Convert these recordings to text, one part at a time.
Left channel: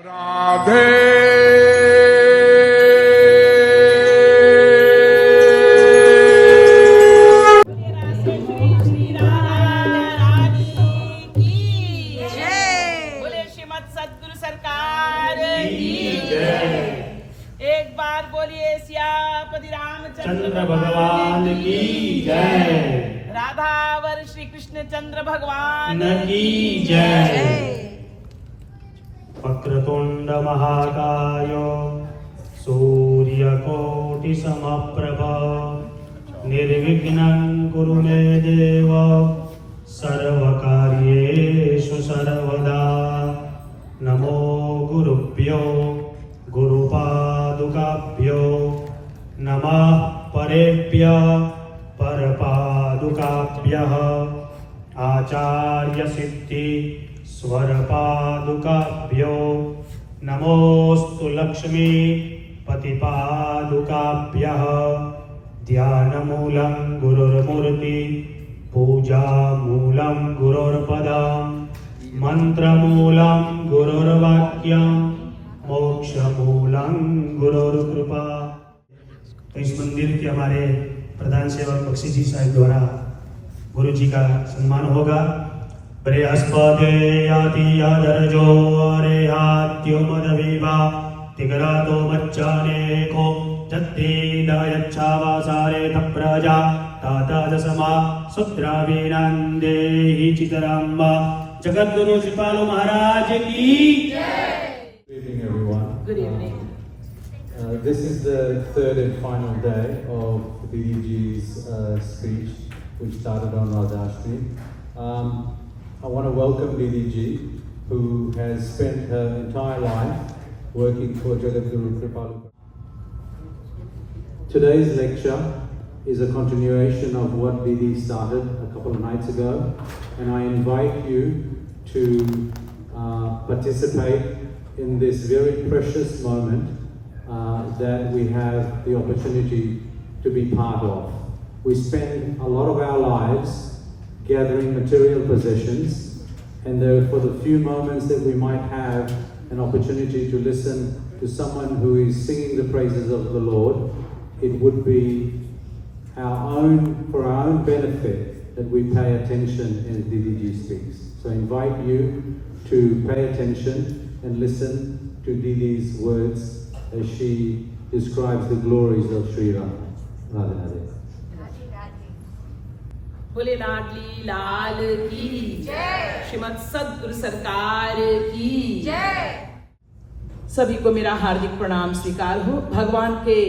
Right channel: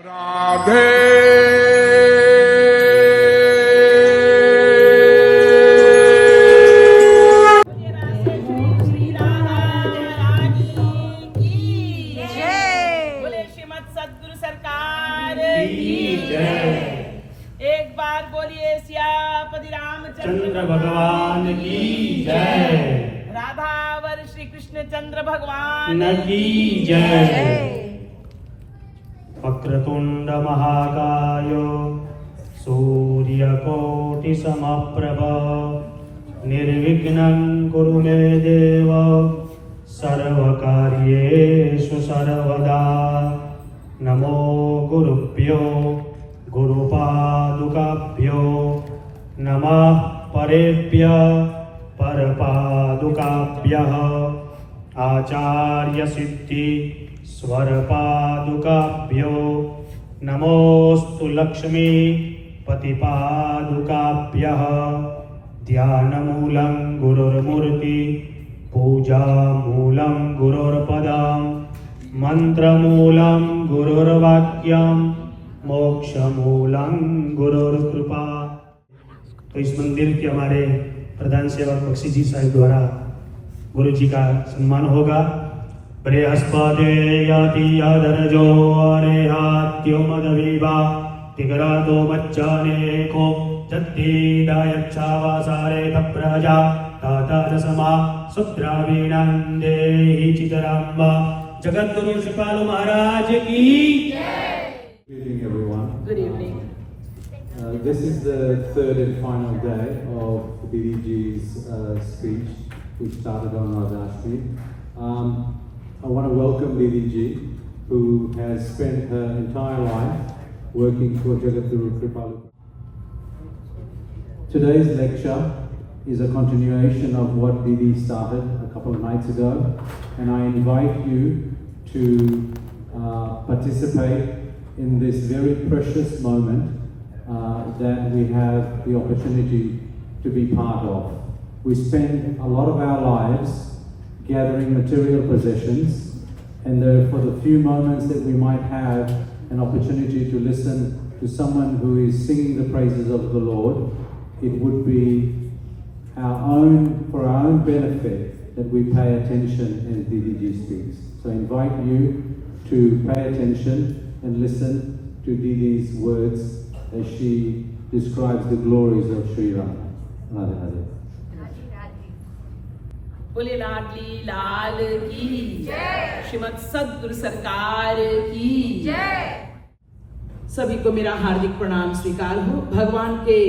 राधे बोले श्रीमद सद्गुरु सरकार की जय। एक बार बोलिए सियापति रामचंद्र भगवान की जय। राधावर श्री कृष्ण चंद्र भगवान की जय। वक्रतुंड महाकाय सूर्यकोटि समप्रभ निर्विघ्नं कुरु मे देव सर्वकार्येषु सर्वदा। नमो गुरुभ्यो गुरुपादुकाभ्यो नमः परेभ्यः परपादुकाभ्यः आचार्य सिद्धि स्वरपादुकाभ्यो नमोस्तु लक्ष्मी पतिपादुकाभ्यः। ध्यानमूलं गुरुर्मूर्ति पूजामूलं गुरुर्पदं मंत्रमूलं गुरुर्वाक्यं मोक्षमूलं गुरुर्कृपा। तो इस मंदिर के हमारे प्रधान सेवक बख्शी जी साहब द्वारा गुरु जी का सम्मान होगा। बृहस्पते याति यादरजो रेहात्यो मदविवा तिग्रातो मच्चानेको जत्तीदायच्छावासारे तप्रजा ताताजसमा सुद्रावीनान्देहि चितराम्मा। जगद्गुरु श्रीपाल महाराज की Good evening, everyone. Good evening. This is the third and final day of DDG's speech, which started on Radhashti. I want to welcome DDG, who has spent her entire life working for Jagadguru Kripalu. Today's lecture is a continuation of what DD started a couple of nights ago, and I invite you to participate in this very precious moment that we have the opportunity to be part of. We spend a lot of our lives gathering material possessions, and for the few moments that we might have an opportunity to listen to someone who is singing the praises of the Lord, it would be for our own benefit that we pay attention as DDG speaks. So I invite you to pay attention and listen to Didi's words as she describes the glories of Sri Ram. Radhe Radhe. बोले लाडली लाल की जय। श्रीमद सद्गुरु सरकार की जय। सभी को मेरा हार्दिक प्रणाम स्वीकार हो। भगवान के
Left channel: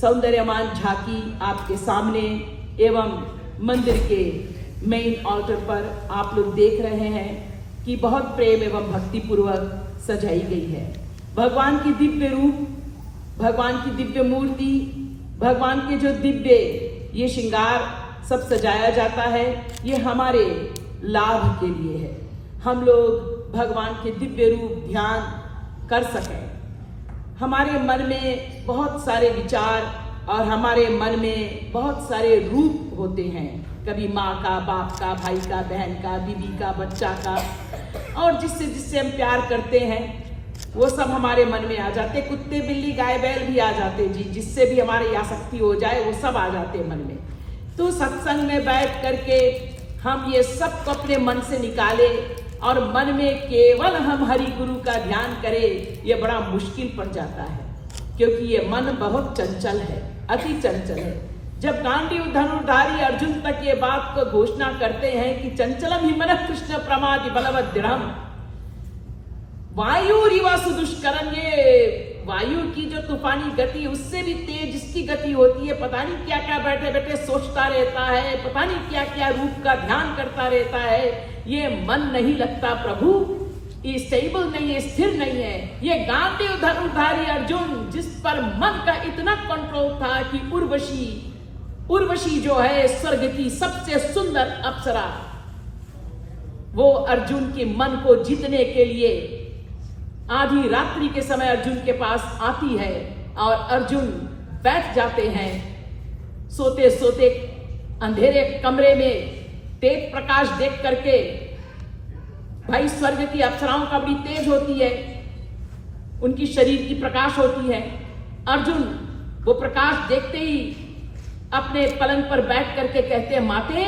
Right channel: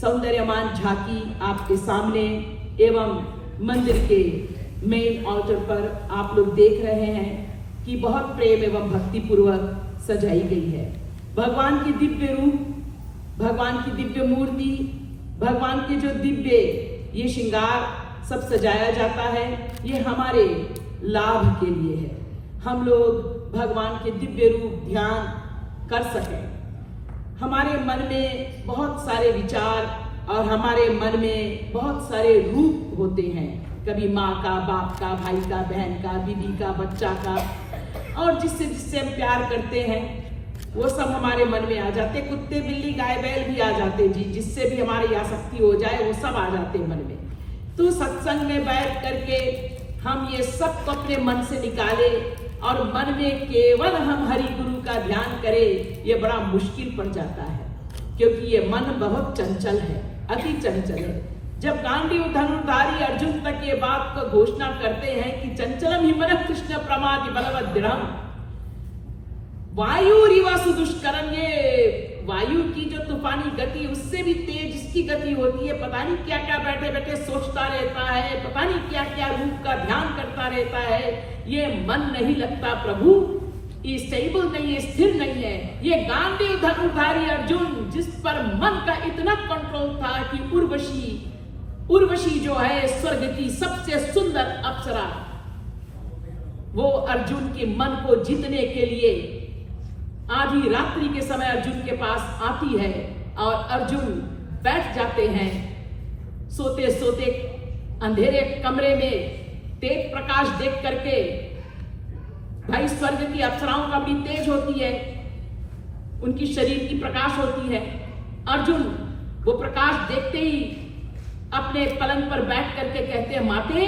सौंदर्यमान झांकी आपके सामने एवं मंदिर के मेन ऑल्टर पर आप लोग देख रहे हैं कि बहुत प्रेम एवं भक्ति पूर्वक सजाई गई है। भगवान की दिव्य रूप, भगवान की दिव्य मूर्ति, भगवान के जो दिव्य ये श्रृंगार सब सजाया जाता है, ये हमारे लाभ के लिए है। हम लोग भगवान के दिव्य रूप ध्यान कर सकें। हमारे मन में बहुत सारे विचार और हमारे मन में बहुत सारे रूप होते हैं, कभी माँ का, बाप का, भाई का, बहन का, बीवी का, बच्चा का, और जिससे जिससे हम प्यार करते हैं वो सब हमारे मन में आ जाते। कुत्ते, बिल्ली, गाय, बैल भी आ जाते जी, जिससे भी हमारी आसक्ति हो जाए वो सब आ जाते मन में। तो सत्संग में बैठ करके हम ये सब को अपने मन से निकाले और मन में केवल हम हरि गुरु का ध्यान करें, ये बड़ा मुश्किल पड़ जाता है, क्योंकि ये मन बहुत चंचल है, अति चंचल है। जब गांडीव धनुर्धारी अर्जुन तक ये बात को घोषणा करते हैं कि चंचलम ही मन कृष्ण प्रमादि बलवत दृढ़म् वायु रिवा सुदुष्करम, ये वायु की जो तूफानी गति उससे भी तेज इसकी गति होती है। पता नहीं क्या क्या बैठे बैठे सोचता रहता है, पता नहीं क्या क्या रूप का ध्यान करता रहता है। ये मन नहीं लगता प्रभु, ये स्टेबल नहीं है, स्थिर नहीं है। ये गांडीव धनुर्धारी अर्जुन जिस पर मन का इतना कंट्रोल था कि उर्वशी जो है स्वर्ग की सबसे सुंदर अप्सरा, वो अर्जुन के मन को जीतने के लिए आधी रात्रि के समय अर्जुन के पास आती है और अर्जुन बैठ जाते हैं सोते सोते अंधेरे कमरे में तेज प्रकाश देख करके। भाई स्वर्ग की अप्सराओं का बड़ी तेज होती है, उनकी शरीर की प्रकाश होती है। अर्जुन वो प्रकाश देखते ही अपने पलंग पर बैठ करके कहते हैं, माते,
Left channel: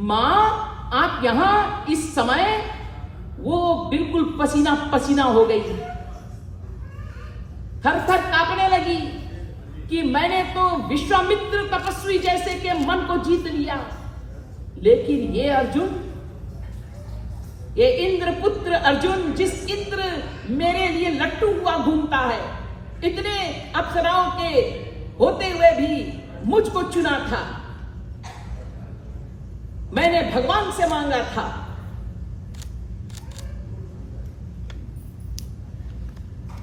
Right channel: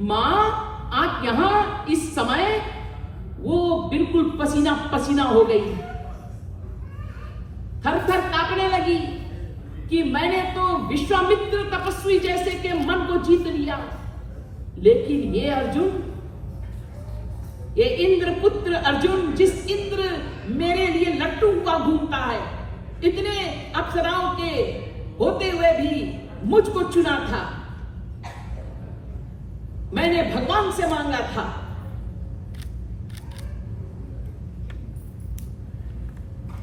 मां आप यहां इस समय? वो बिल्कुल पसीना पसीना हो गई, थर थर कांपने लगी कि मैंने तो विश्वामित्र तपस्वी जैसे के मन को जीत लिया, लेकिन ये अर्जुन, ये इंद्र पुत्र अर्जुन, जिस इंद्र मेरे लिए लट्टू हुआ घूमता है, इतने अप्सराओं के होते हुए भी मुझको चुना था, मैंने भगवान से मांगा था।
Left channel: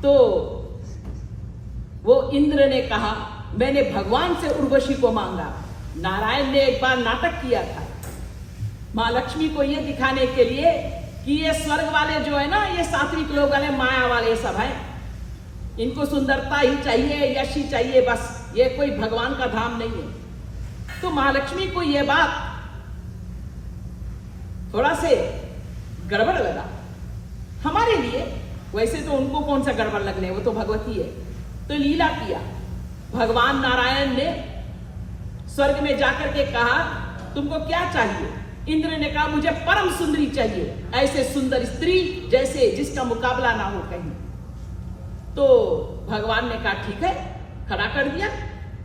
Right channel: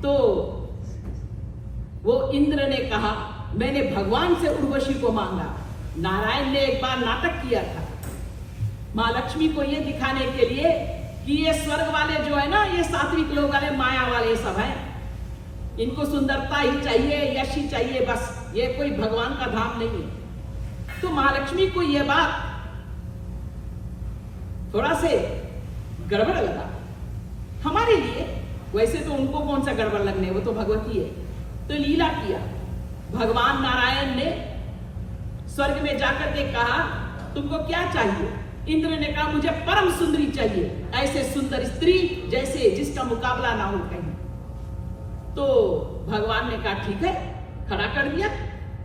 तो वो इंद्र ने कहा, मैंने भगवान से उर्वशी को मांगा। नारायण ने एक बार नाटक किया था मां लक्ष्मी को यह दिखाने के लिए कि ये स्वर्ग वाले जो है ना, ये सात्विक लोग वाले, माया वाले सब हैं, इनको सुंदरता ही चाहिए, यश ही चाहिए, बस ये कोई भगवान का धाम नहीं है। तो महालक्ष्मी को यह बात थोड़ा से गड़बड़ लगा हमारे लिए। वैसे तो उनको कौन सा गड़बड़ लगने, वो तो भगवती है। तो लीला किया, भगवान नारायण ने स्वर्ग में जाकर के कहा, तुमको क्या चाहिए? इंद्र ने कहा, मुझे परम सुंदरी चाहिए, ऐसे सुंदर स्त्री जैसे जिसका मुकाबला ना हो कहीं। तो भगवान ने कहा ठीक है, खड़ा कर दिया,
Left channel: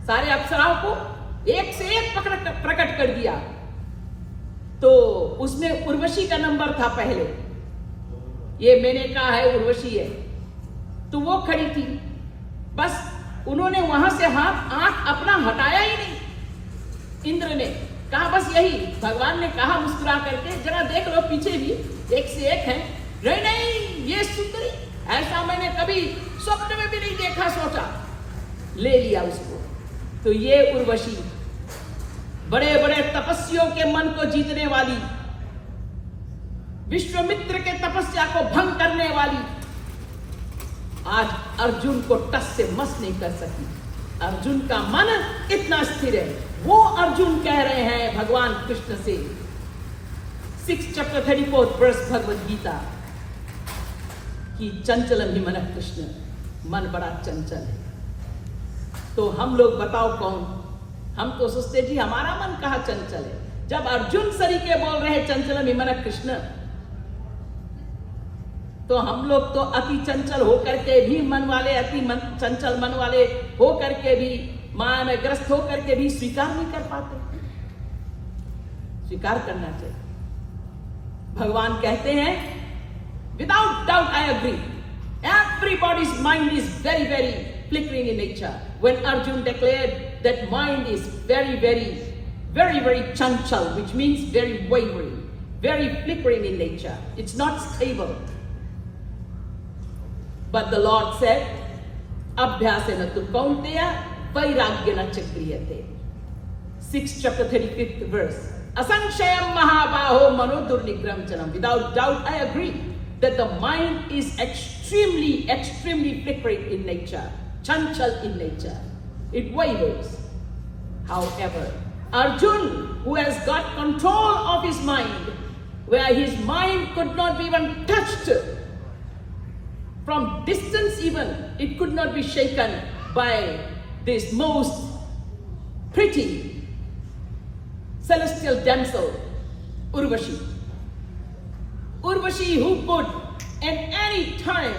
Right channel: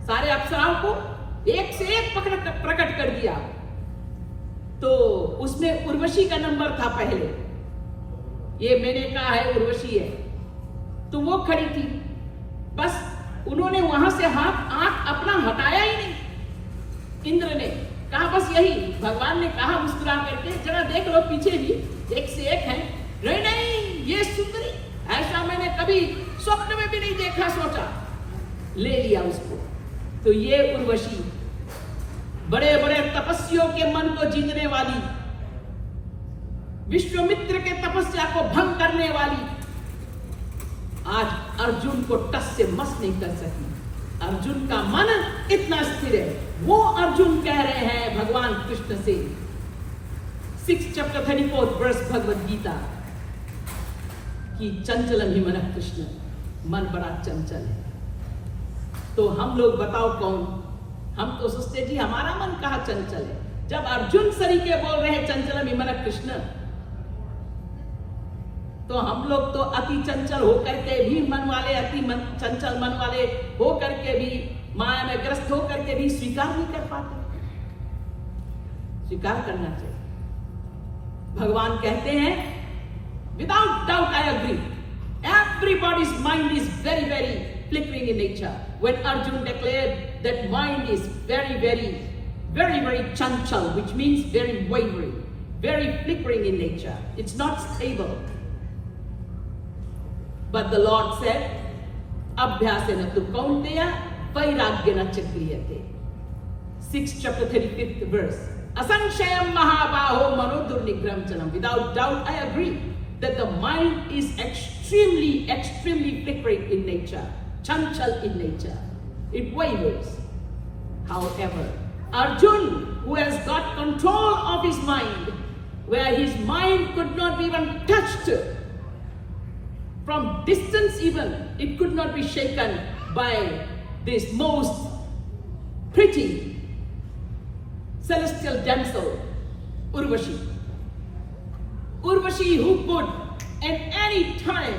सारे अप्सराओं को एक से एक प्रकट कर दिया। तो उसमें उर्वशी का नंबर था पहले, ये मैंने कहा है उर्वशी है, तो वो खड़ी थी। बस उन्होंने वहां से आंख अपना हटाया ही नहीं। इंद्र ने कहा बस यही, भगवान ने कहा मुस्कुरा करके, जरा देख लो पीछे भी एक से एक है। नहीं, ये सुंदरी, ऐसा मैंने कभी स्वप्न में भी नहीं देखा, सोचा, ले लिया उसको। तो ये उर्वशी, बड़े बड़े तपस्वियों के मन को जीतने वाली, विश्वामित्र के तपस्या को भंग करने वाली, आज अर्जुन को टस से मस नहीं कर सकी। अर्जुन का मन इतना स्थिर है। वो अर्जुन कह रहे हैं भगवान कृष्ण से, 6 chapter 34 verse भगवद गीता, कि चंचल ही मन कृष्ण, मन बड़ा चंचल है। तो हम लोग बताओ कौन? हम तो सोचते जी हमारा मन कहाँ चंचल है। जब अर्जुन सरीके बोल रहे हैं चंचल ही मन कृष्ण, तो हम लोग तो अति चंचल होकर के भी मन वाले, चंचल मन वाले होकर के भी, माया में ग्रस्त होकर के भी स्वीकार नहीं कर पाते। स्वीकार करना चाहिए। भगवान कहते हैं, without doubt I agree, everybody's mind is very, very flickering in nature. When Arjun declared that mind is very, very, very, very chanchal, which means very wavering, very flickering in nature. It's not stable. But the Lord said, Abhyasena tu kaunteya vairagyena chakriyate. 6 chapter 35th verse. Asanshayam mahabaho manodurnigram janam. Without doubt, I agree that the mind is extremely, extremely flickering in nature, chanchal in nature. It wavers. However, Arjun, who has got control of his mind, where his mind could not be even touched, from distance even, it could not be shaken by this most pretty celestial damsel, Urvashi. Urvashi, who could at any time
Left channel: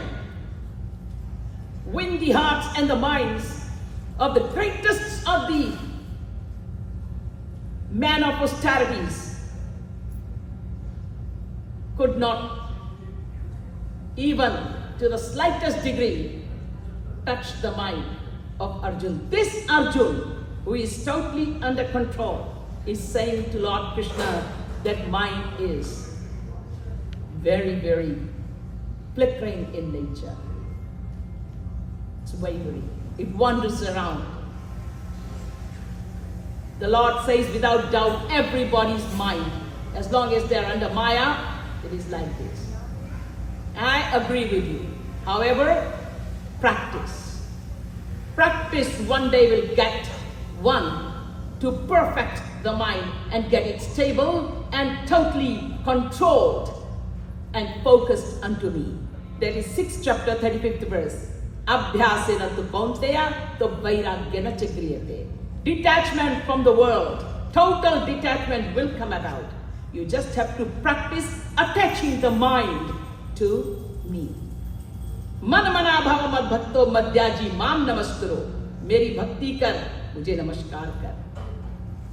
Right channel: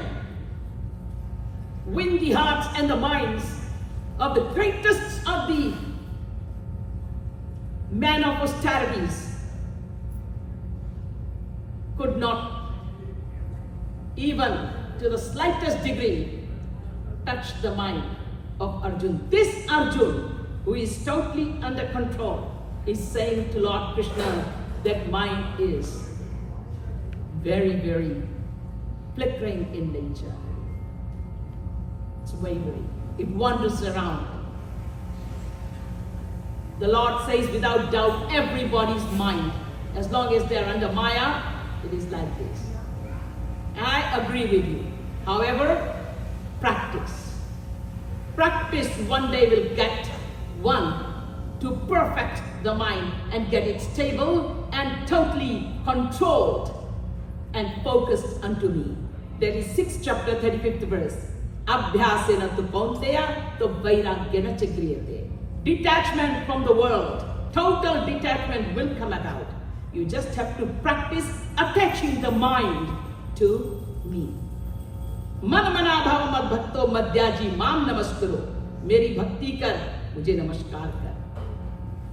win the hearts and the minds of the greatest of the men of austerities, could not even to the slightest degree touch the mind of Arjun. This Arjun, who is totally under control, is saying to Lord Krishna that mind is very, very flickering in nature. It's wavering. It wanders around. The Lord says, without doubt, everybody's mind, as long as they're under Maya, it is like this. I agree with you. However, practice. Practice one day will get one to perfect the mind and get it stable and totally controlled and focused unto me. That is 6th chapter 35th verse. Abhyasena tu kaunteya to vairagyena च क्रियते. Detachment from the world, total detachment will come about. You just have to practice attaching the mind to me. मन मना भाव मत भक्तो मध्याजी माम नमस्करो. मेरी भक्ति कर, मुझे नमस्कार कर.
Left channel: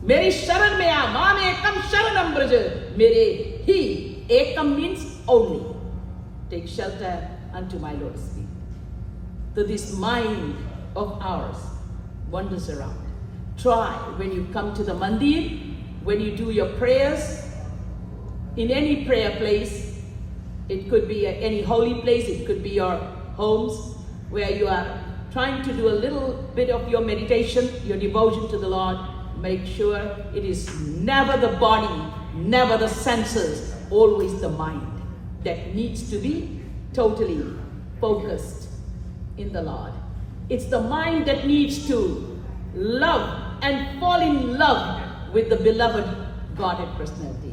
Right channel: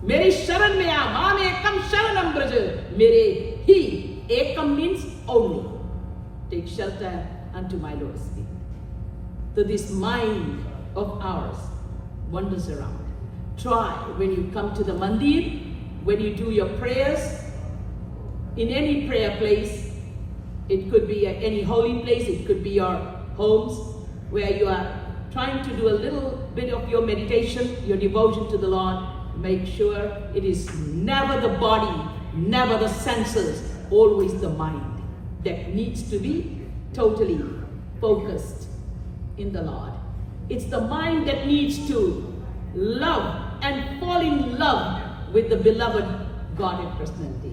मेरी शरण में आ, माम एकम शरणम ब्रज. मेरे ही एकम means only. Take shelter unto my Lord's feet. So this mind of ours wanders around. Try when you come to the mandir, when you do your prayers, in any prayer place. It could be any holy place, it could be your homes, where you are trying to do a little bit of your meditation, your devotion to the Lord. Make sure it is never the body, never the senses, always the mind that needs to be totally focused in the Lord. It's the mind that needs to love and fall in love with the beloved Godhead personality.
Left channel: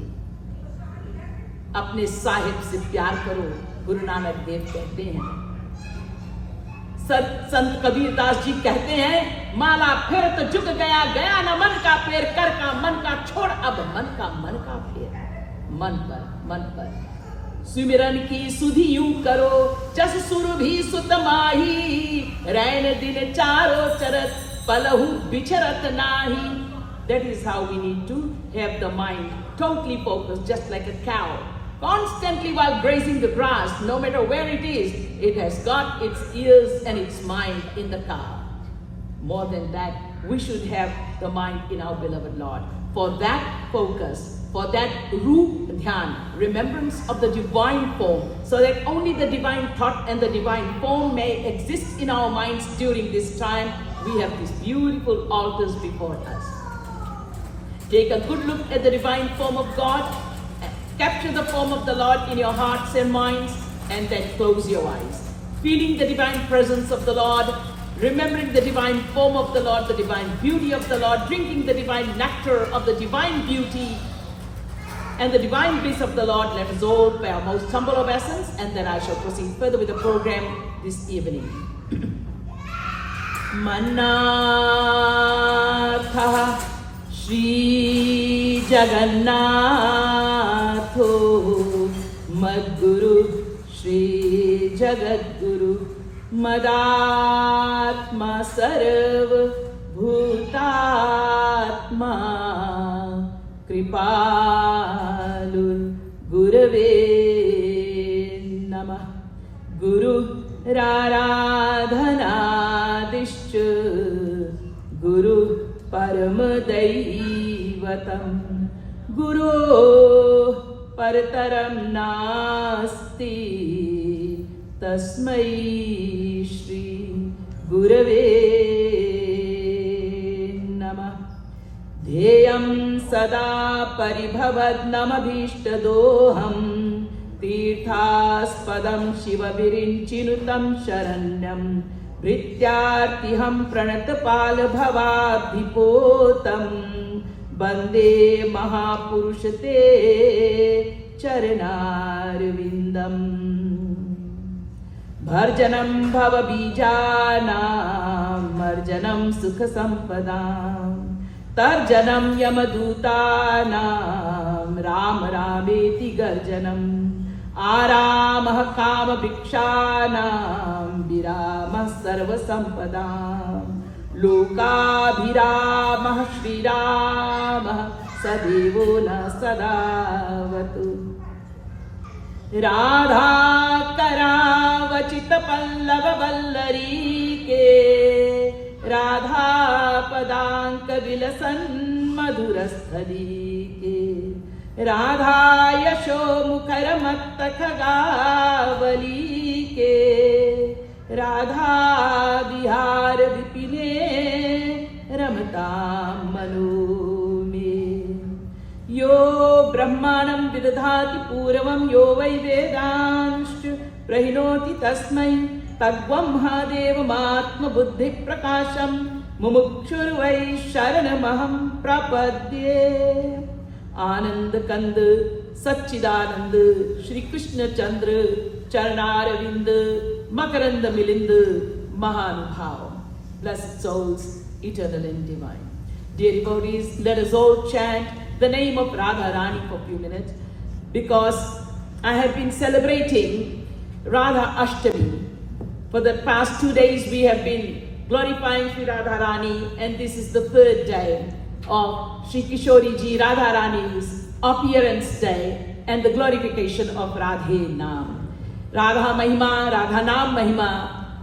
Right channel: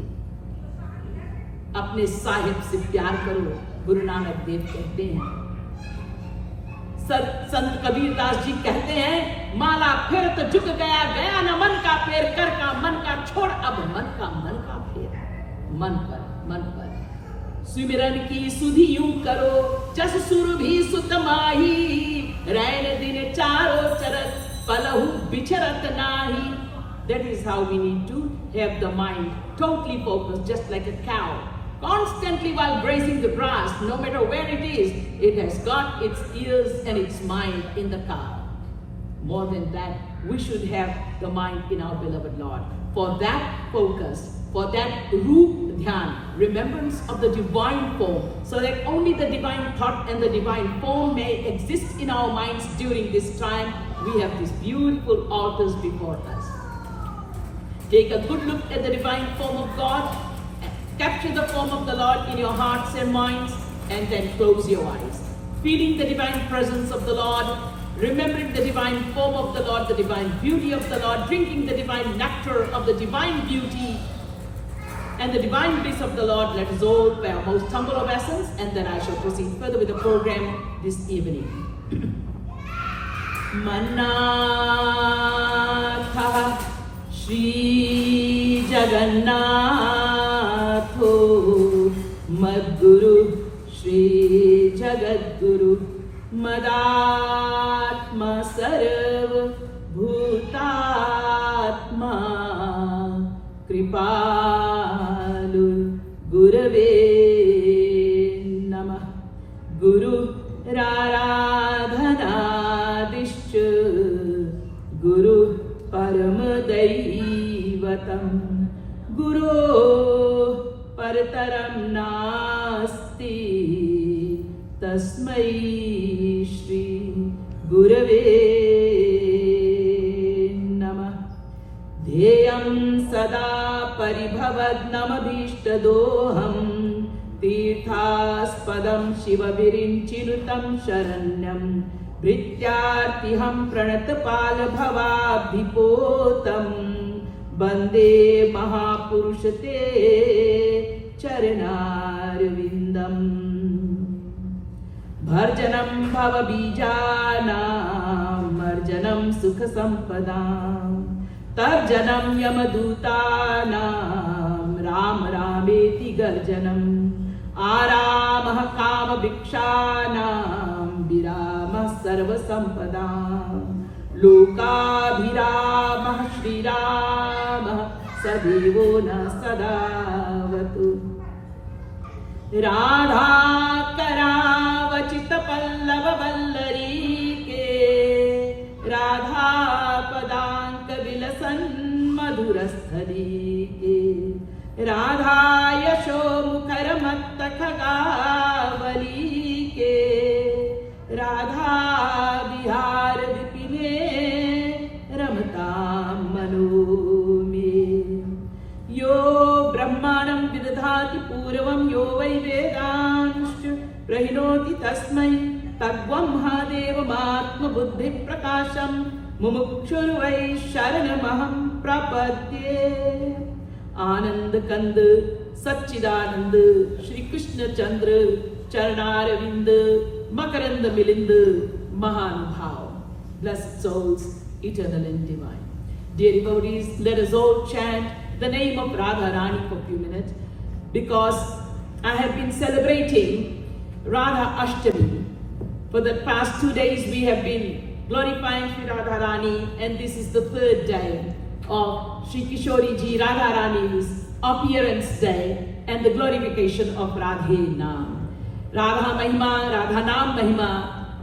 अपने साहिब से प्यार करो, गुरु नानक देव कहते हैं. संत कबीर दास जी कहते हैं, माला फिर तो झुक गया, गया न मन का पेर, कर का मन का छोड़, अब मन का फेर. मन पर सुमिरन की सुधि यूं करो, जस सुर भी सुत माही, रैन दिन चारो चरत, पलहु बिचरत नाही. That is how we need to have the mind totally focused, just like a cow. Constantly while grazing the grass, no matter where it is, it has got its ears and its mind in the cow. More than that, we should have the mind in our beloved Lord. For that focus, for that roop dhyan, remembrance of the divine form, so that only the divine thought and the divine form may exist in our minds during this time, we have these beautiful altars before us. Take a good look at the divine form of God, capture the form of the Lord in your hearts and minds, and then close your eyes. Feeling the divine presence of the Lord, remembering the divine form of the Lord, the divine beauty of the Lord, drinking the divine nectar of the divine beauty and the divine bliss of the Lord. Let us all pay our most humble obeisance, and then I shall proceed further with the program this evening. Manatha Shri Jagannatho Madguru Shri Jagadguru Madatma Sarv Bhutatma Kripalul Gurave Namah. Guru Raradhanadishya Guru Paramadaivatam Guru Parataram Nasti Tasmai Shri Gurave Namah. Dheyam Sada Paribhavadnamabhishtadoham Tirthaspadam Shivavirinchinutam Sharanyam Vrityartiham Pranatapal Bhavabhipotam Bande Mahapurushate Charanarvindam. Bharjanam Bhavabijanam Marjanam Sukha Sampadam Tarjanam Yamadutanam Ram Rameti Garjanam Aramah Kama Bhikshanam Viramah Sarva Sampadam Lokabhiramah Shri Ramah Sadevo Na Sadavatu. Radha Karavachit Pallava Vallari Ke Radha Padanka Vilasan Madhurasthali Ke Radha Yasho Mukharamatha Khagavali Ke Radha Vihar Vipine Ramatam Manu Me. Yo Brahmanam Vidadhati Puravam Yo Vai Vedanscha Prahinoti Tasmai Tadvam Mahadevam Atma Buddhi Prakasham Mumukshur Vai Sharanamaham Prapadye. Anand Kand Satchidanand Shri Krishna Chandra Charnaravind, Makaranda Milind, Mahanubhav. Blessed souls, eternal and divine. Dear devotees, let us all chant the name of Radharani for a few minutes, because I have been celebrating Radha Ashtami. For the past 2 days we have been glorifying Sri Radharani, and this is the third day of Sri Kishori Ji Radharani's appearance day and the glorification of Radhe Naam. Radha Mahima, Radha Naam Mahima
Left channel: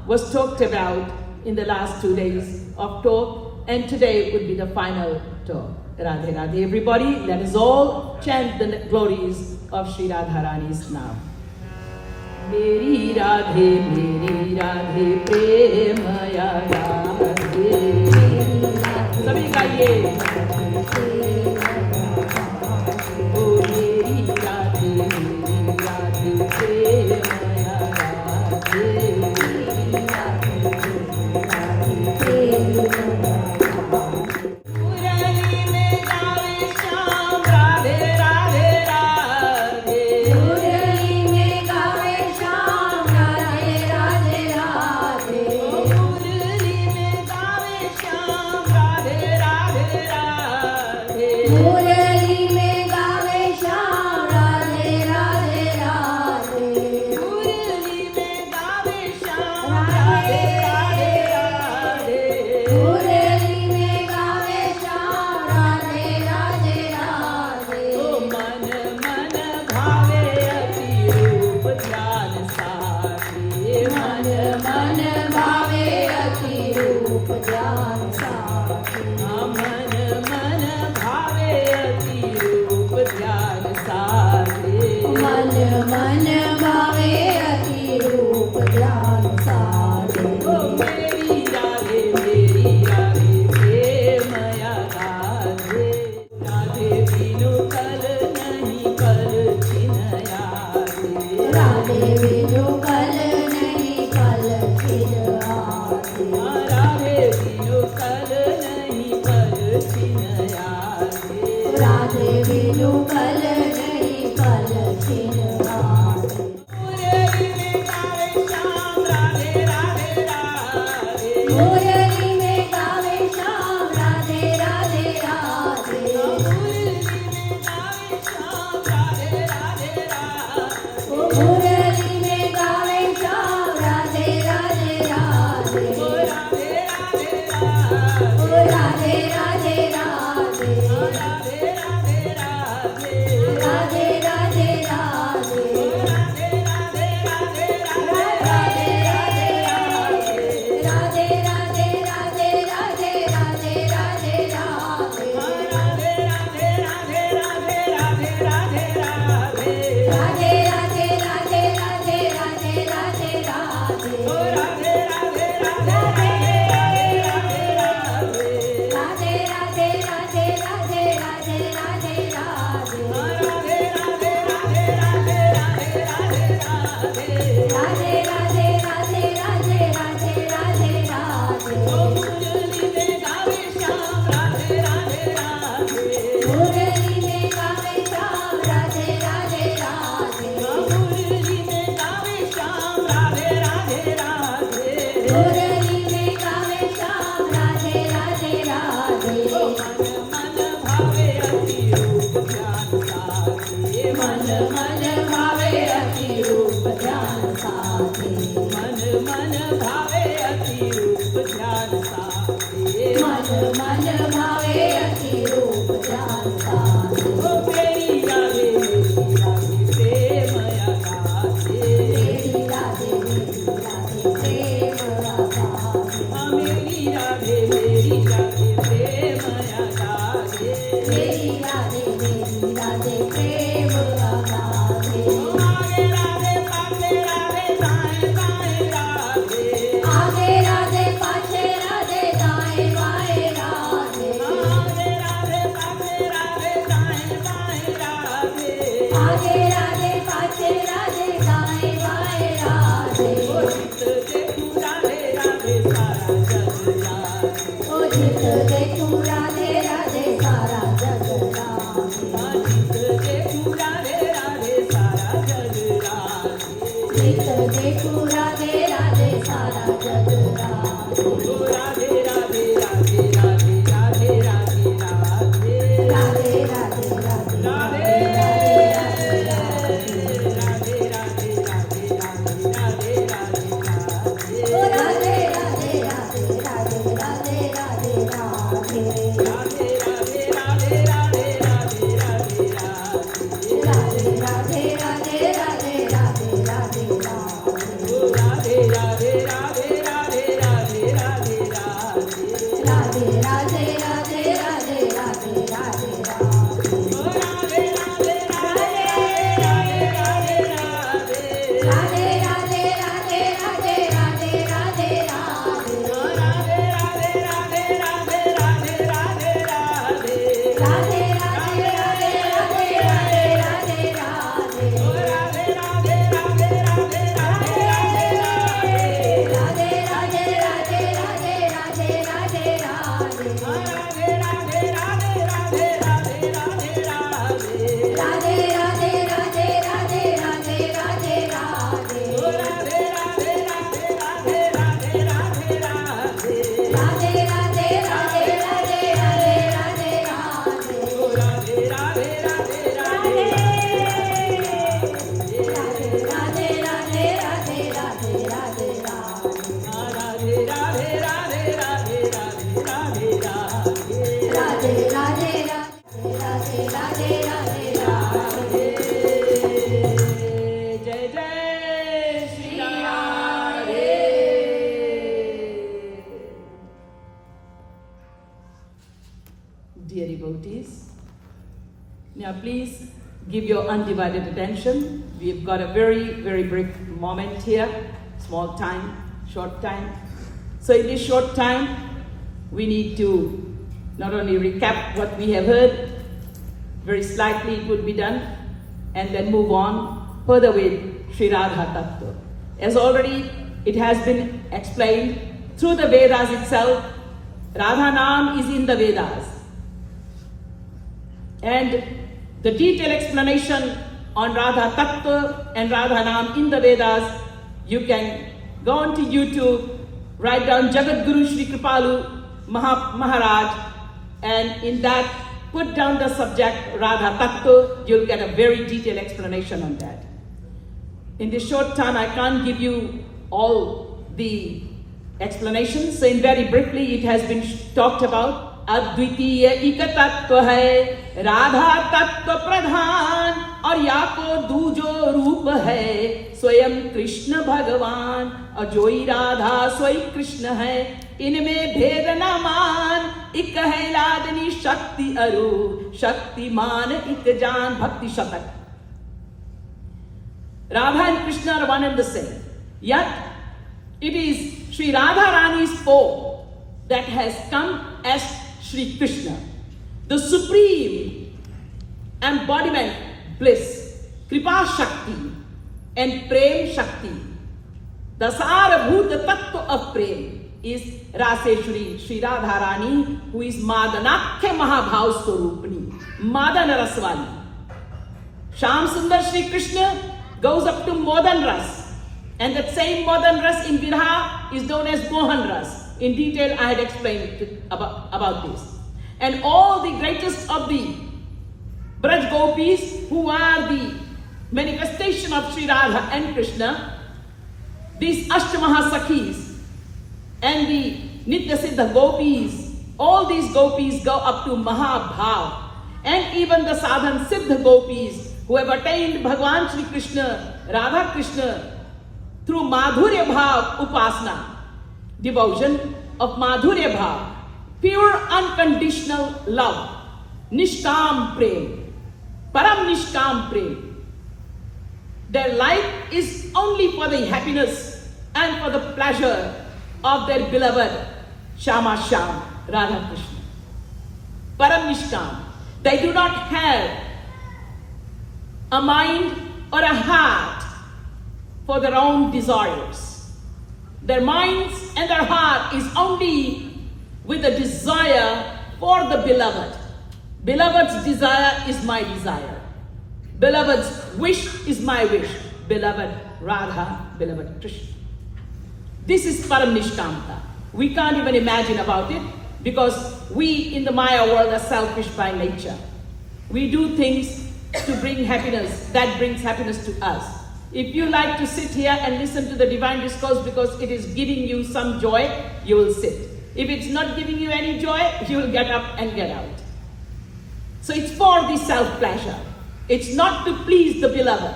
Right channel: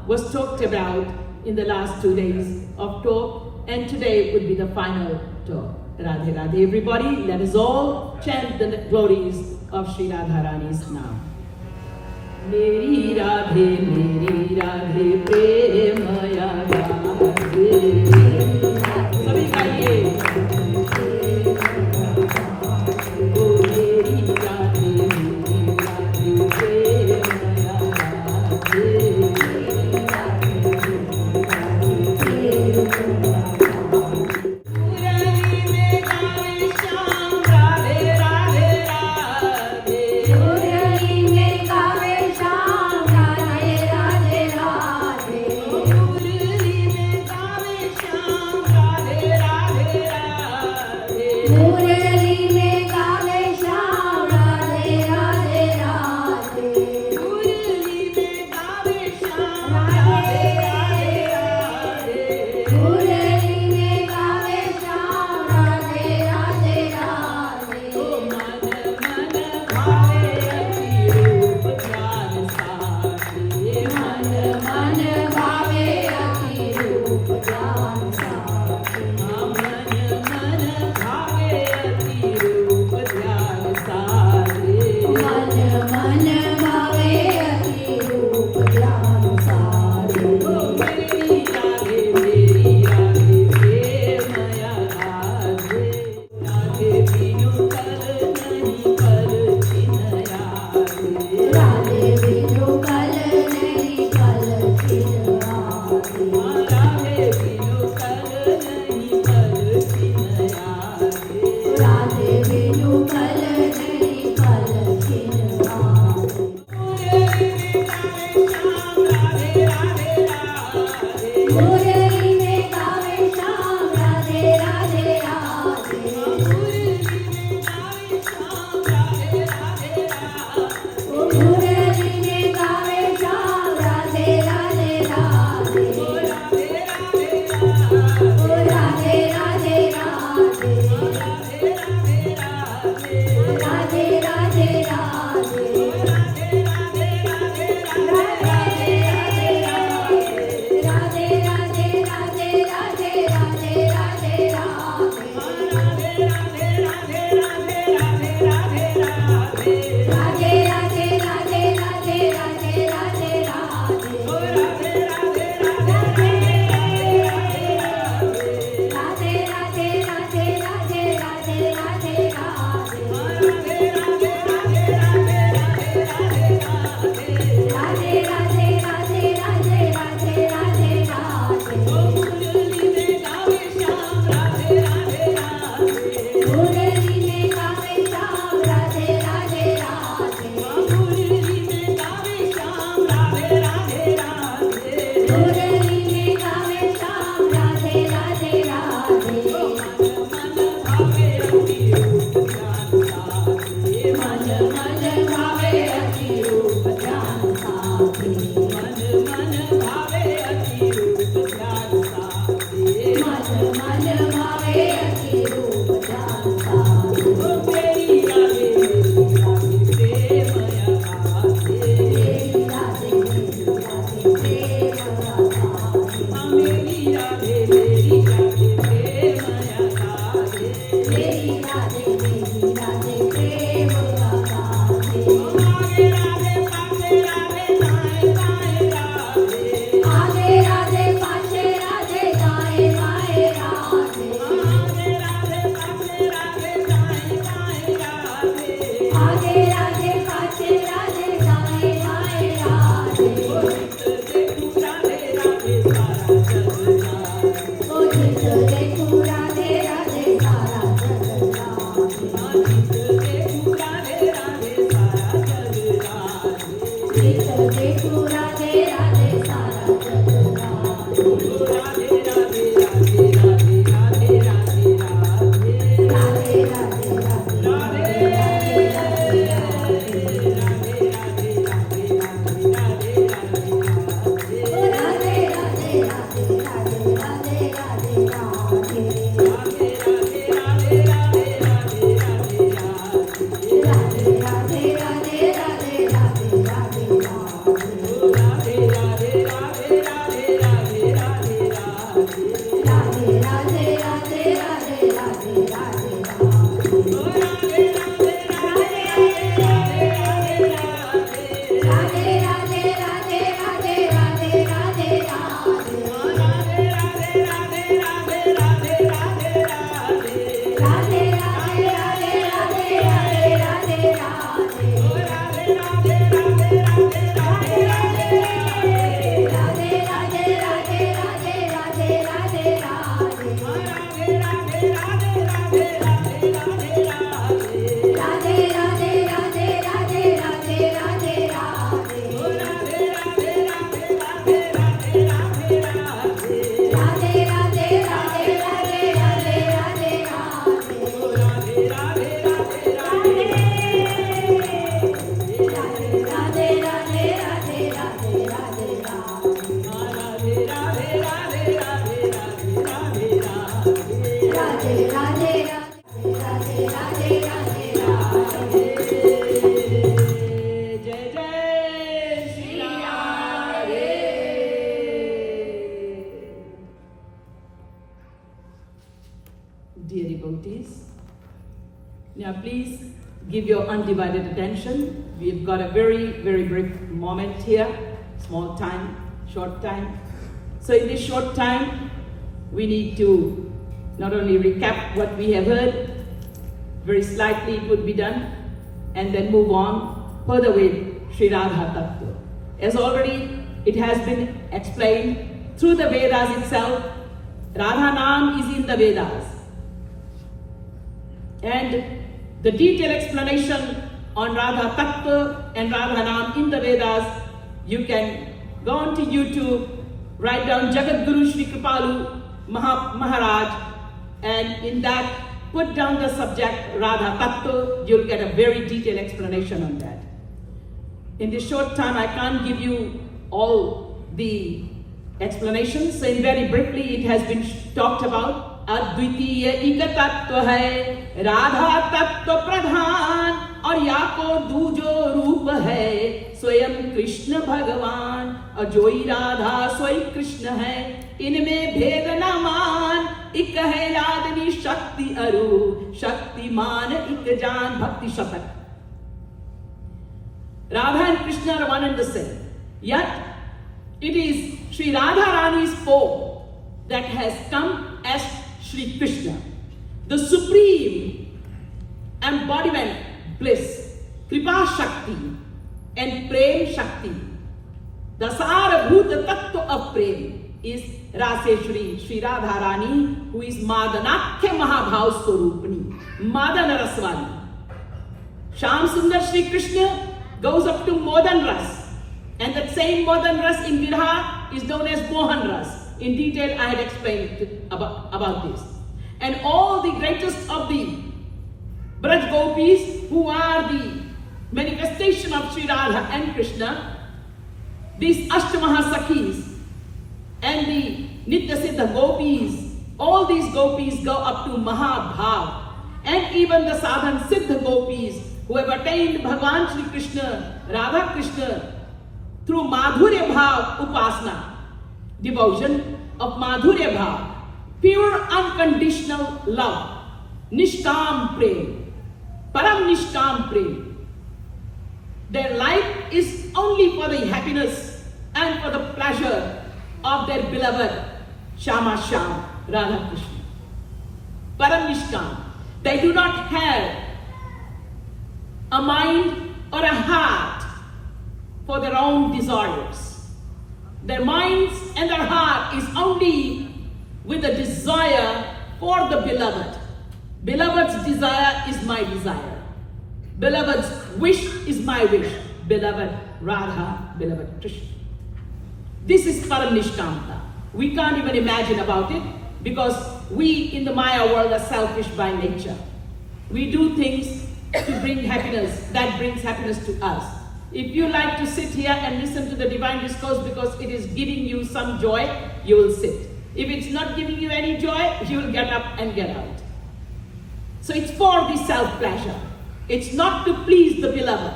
was talked about in the last 2 days of talk, and today would be the final talk. Radhe Radhe. Everybody, let us all chant the glories of Sri Radharani's Naam. Meri Radhe Premaya Radhe. Sabhi gaiye. Oh, Meri Radhe Premaya Radhe. devotees. Now please give your undivided attention. We've got a very, very brief moment here, small time, short time. So in this short time, we need to not only recap what we have heard, very slightly it would be done, and then move on further with Sri Radha Tattva. As already it has been explained through the Vedas itself, Radha Naam is in the Vedas. And the detailed explanation on Radha Tattva and Radha Naam in the Vedas, you can go on to YouTube, write down Jagat Guru Sri Kripalu Maharaj, and in that put down the subject Radha Tattva, you'll get a very detailed explanation on that. In this short time, I can't give you all the explanations, so in very briefly it has been talked about. अद्वितीय एक तत्व है राधा तत्व प्रधान और या को दूजो रूप है स्वयं कृष्ण भगवान और जोई राधा सोई कृष्ण है इनमें भेद न मान एक है लादनी शक्ति अरु शक्तिमान एक जान भक्ति शतक. Radha and Krishna are one and the same, yet it is Sri Radha Rani's form that has come as Sri Krishna, the supreme embodiment, bliss, Kripa Shakti and Prem Shakti. The Sarabhuta Tattva of Prem is Raseshwari Sri Radha Rani, who is Madanakya Mahabhav Swarupani, Madana Raswani. Sham Sundar Sri Krishna goes up to Modan Ras, and that same Modan Ras in Viraha is known as Mohan Ras. In detail, I had explained about this. And all the greatest of the Braj Gopis, who are the manifestation of Sri Radha and Krishna, these Ashtamaha Sakhis and the Nitya Siddha Gopis, all these Gopis go up to Mahabhav. And even the Sadhan Siddha Gopis, who have attained Bhagavan Shri Krishna, Radha Krishna, through Madhurya Bhav Upasana, devotion of Madhurya Bhav, pure unconditional love, Nishkam Prem, Param Nishkam Prem. Their life is only for the happiness and for the pleasure of their beloved Shama Sham, Radha Krishna. Param Nishkam. They do not have a mind or a heart for their own desires. Their minds and their heart is only with a desire for the beloved. Beloved's desire is my desire. Beloved's wish is my wish. Beloved Radha, beloved Krishna. This is Paramnishkamta. We can't even imagine about it because we in the Maya world are selfish by nature. We do things to bring happiness, that brings happiness to us. If you like to sit here and listen to the divine discourse because it is giving you some joy, you will sit. If it's not giving you any joy, you will get up and get out. So it's for the self-pleasure. It's not to please the beloved.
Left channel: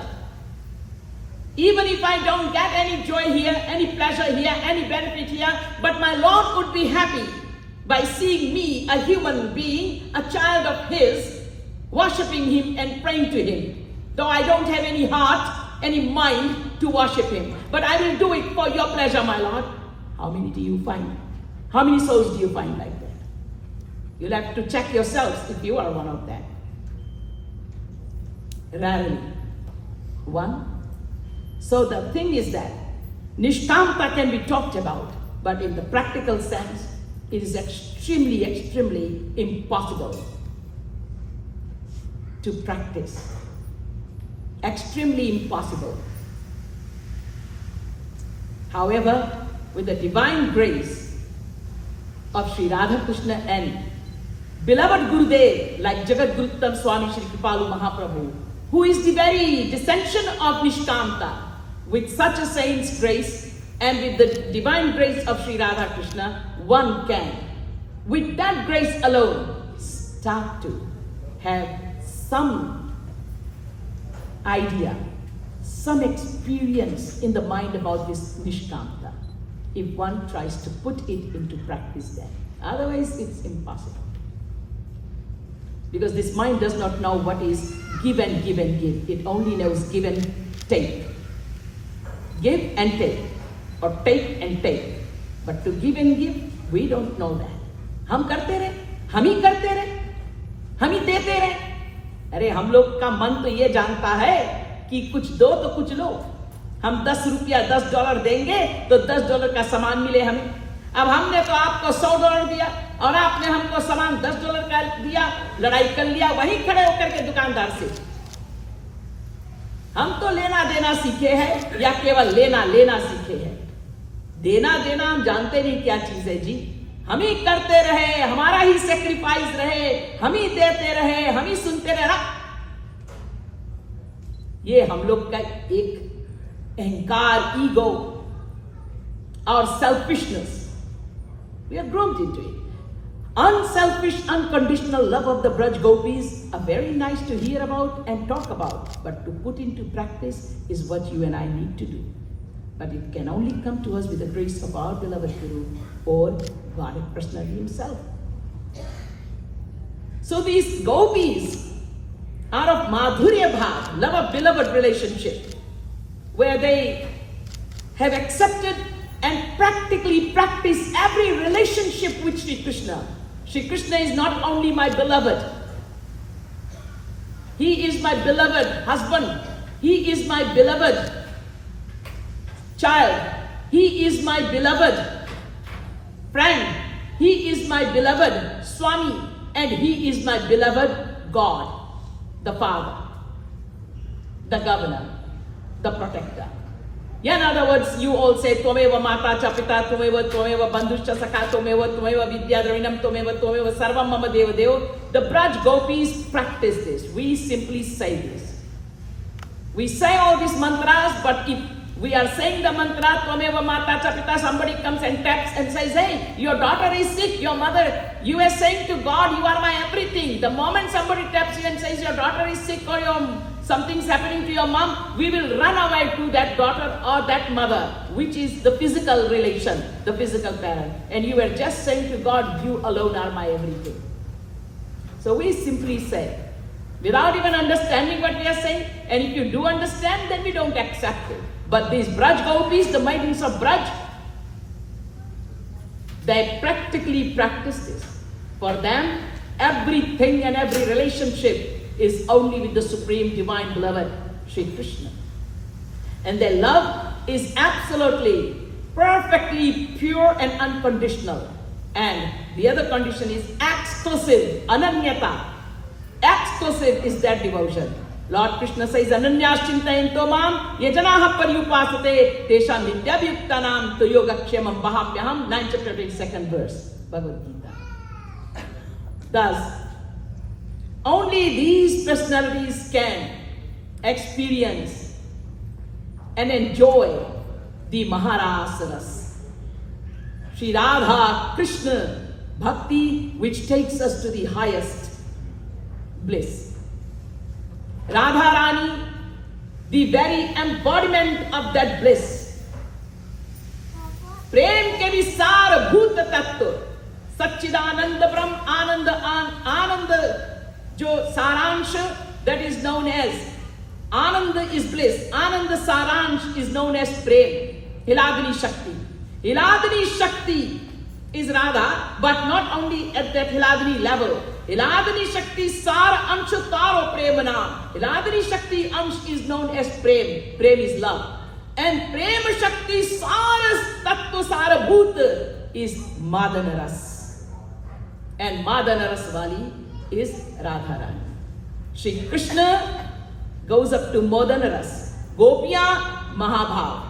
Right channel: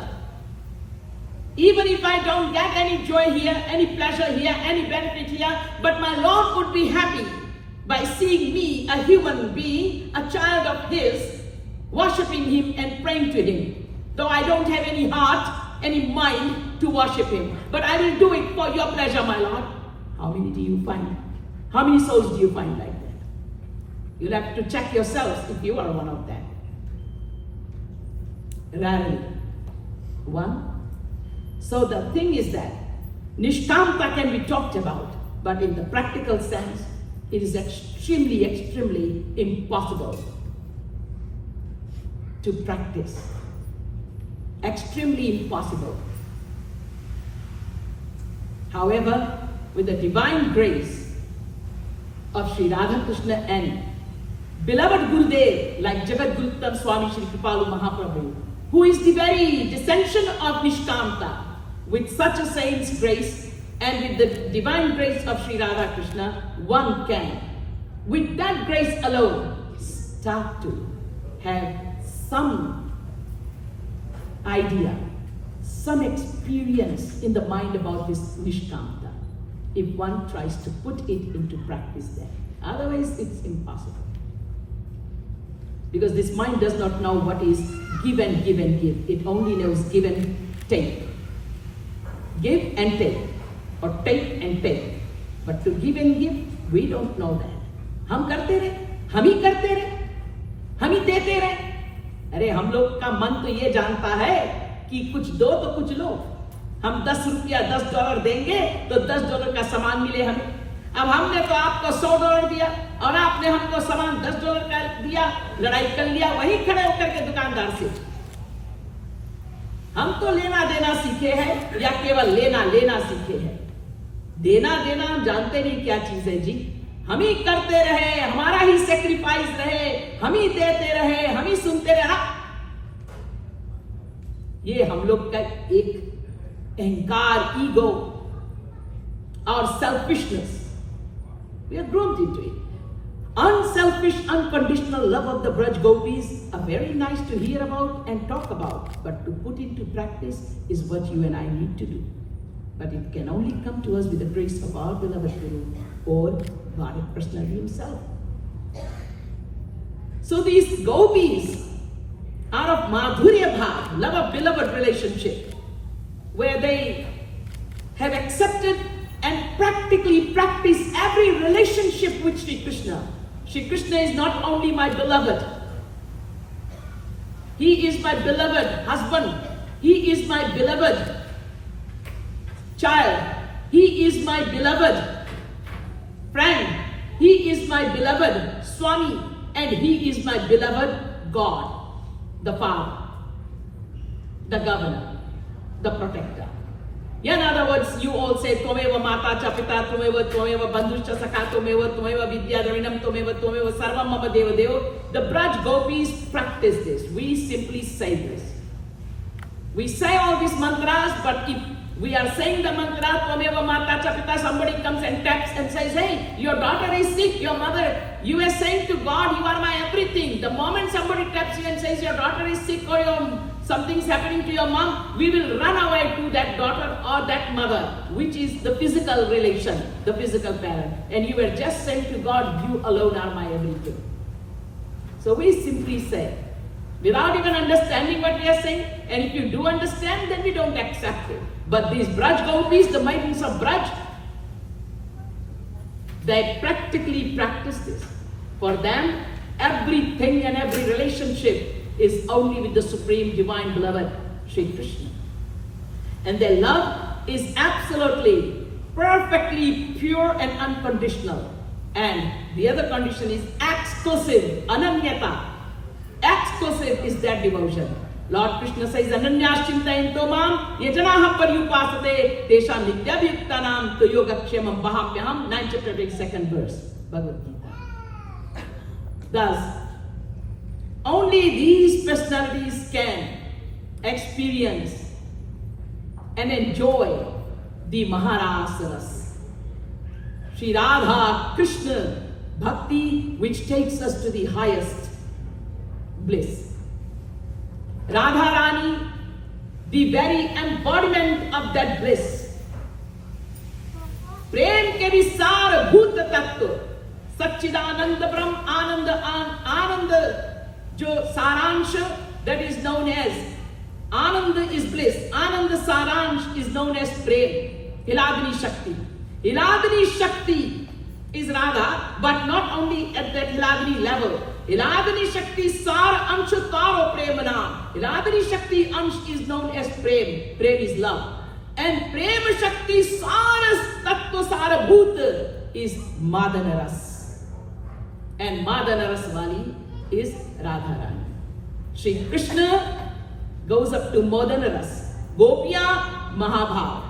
Even if I don't get any joy here, any pleasure here, any benefit here, but my Lord would be happy by seeing me, a human being, a child of His, worshipping Him and praying to Him. Though I don't have any heart, any mind to worship Him. But I will do it for your pleasure, my Lord. How many do you find? How many souls do you find like that? You'll have to check yourselves if you are one of them. Rarely. One. So the thing is that Nishkamta can be talked about, but in the practical sense, it is extremely, extremely impossible to practice. Extremely impossible. However, with the divine grace of Sri Radha Krishna and beloved Gurudev like Jagat Guruttam Swami Shri Kripalu Mahaprabhu, who is the very descension of Nishkamta, with such a saint's grace and with the divine grace of Sri Radha Krishna, one can, with that grace alone, start to have some idea, some experience in the mind about this Nishkamta, if one tries to put it into practice there. Otherwise, it's impossible. Because this mind does not know what is give and give and give. It only knows give and take. Give and take, or take and take. But to give and give, we don't know that. हम करते रहे, हम ही करते रहे, हम ही देते रहे. अरे हम लोग का मन तो ये जानता है कि कुछ दो तो कुछ लो. हम 10 रुपया $10 देंगे तो $10 का सामान मिले हमें. अब हमने तो आपको $100 दिया और आपने हमको सामान $10 का दिया, लड़ाई कर लिया वहीं खड़े होकर के दुकानदार से. हम तो लेना देना सीखे हैं या केवल लेना लेना सीखे हैं. देना देना हम जानते नहीं क्या चीज है जी. हम ही करते रहे, हमारा ही सेक्रीफाइस रहे, हम ही देते रहे, हम ही सुनते रहे. ये हम लोग का एक अहंकार, ईगो और selfishness. We are groomed into it. Unselfish, unconditional love of the Braj Gopis are very nice to hear about and talk about, but to put into practice is what you and I need to do. But it can only come to us with the grace of our beloved Guru or God personally Himself. So these Gopis are of Madhurya Bhav, love of beloved relationship, where they have accepted and practically practice every relationship with Sri Krishna. Sri Krishna is not only my beloved, He is my beloved husband, He is my beloved child, He is my beloved friend, He is my beloved Swami, and He is my beloved God, the Father, the Governor, the Protector. In other words, you all say, Tvameva Mata cha Pita, Tvameva Bandhuscha Sakha, Tvameva Vidya Dravinam, Tvameva Sarvam Mama Deva Deva. The Braj Gopis practice this. We simply say this. We say all these mantras, but if we are saying the mantra, Tvameva Mata cha Pita, somebody comes and taps and says, hey, your daughter is sick, your mother, you are saying to God, you are my everything. The moment somebody taps you and says, your daughter is sick or something's happening to your mom, we will run away to that daughter or that mother, which is the physical relation, the physical parent. And you are just saying to God, you alone are my everything. So we simply say, without even understanding what we are saying, and if you do understand, then we don't accept it. But these Braj Gopis, the maidens of Braj, they practically practice this. For them, everything and every relationship is only with the Supreme Divine Beloved, Sri Krishna. And their love is absolutely, perfectly pure and unconditional. And the other condition is exclusive, ananyata. Exclusive is that devotion. Lord Krishna says, Ananyas chintayanto mam yajanaha paryupasate tesham nityabhyuktanam to yogakshemam bahapyaham, 9th chapter 22nd verse, Bhagavad Gita. Thus, only these personalities can experience and enjoy the Maharasaras. Sri Radha Krishna Bhakti, which takes us to the highest bliss. Radha Rani, the very embodiment of that bliss. Prem ke visar bhut tattva, Satchidananda Brahm Ananda jo Saransh, that is known as Ananda is bliss. Ananda Saransh is known as Prem, Hiladini Shakti. Hiladini Shakti is Radha, but not only at that Hiladini level. Hiladini Shakti Sar Anshu Taro Premana. Hiladini Shakti Ansh is known as Prem. Prem is love. And Prema Shakti Saras Tattva Sara Bhut is Madanaras. And Madanaras Vali is Radharani. Shri Krishna goes up to Madanaras. Gopya Mahabhav.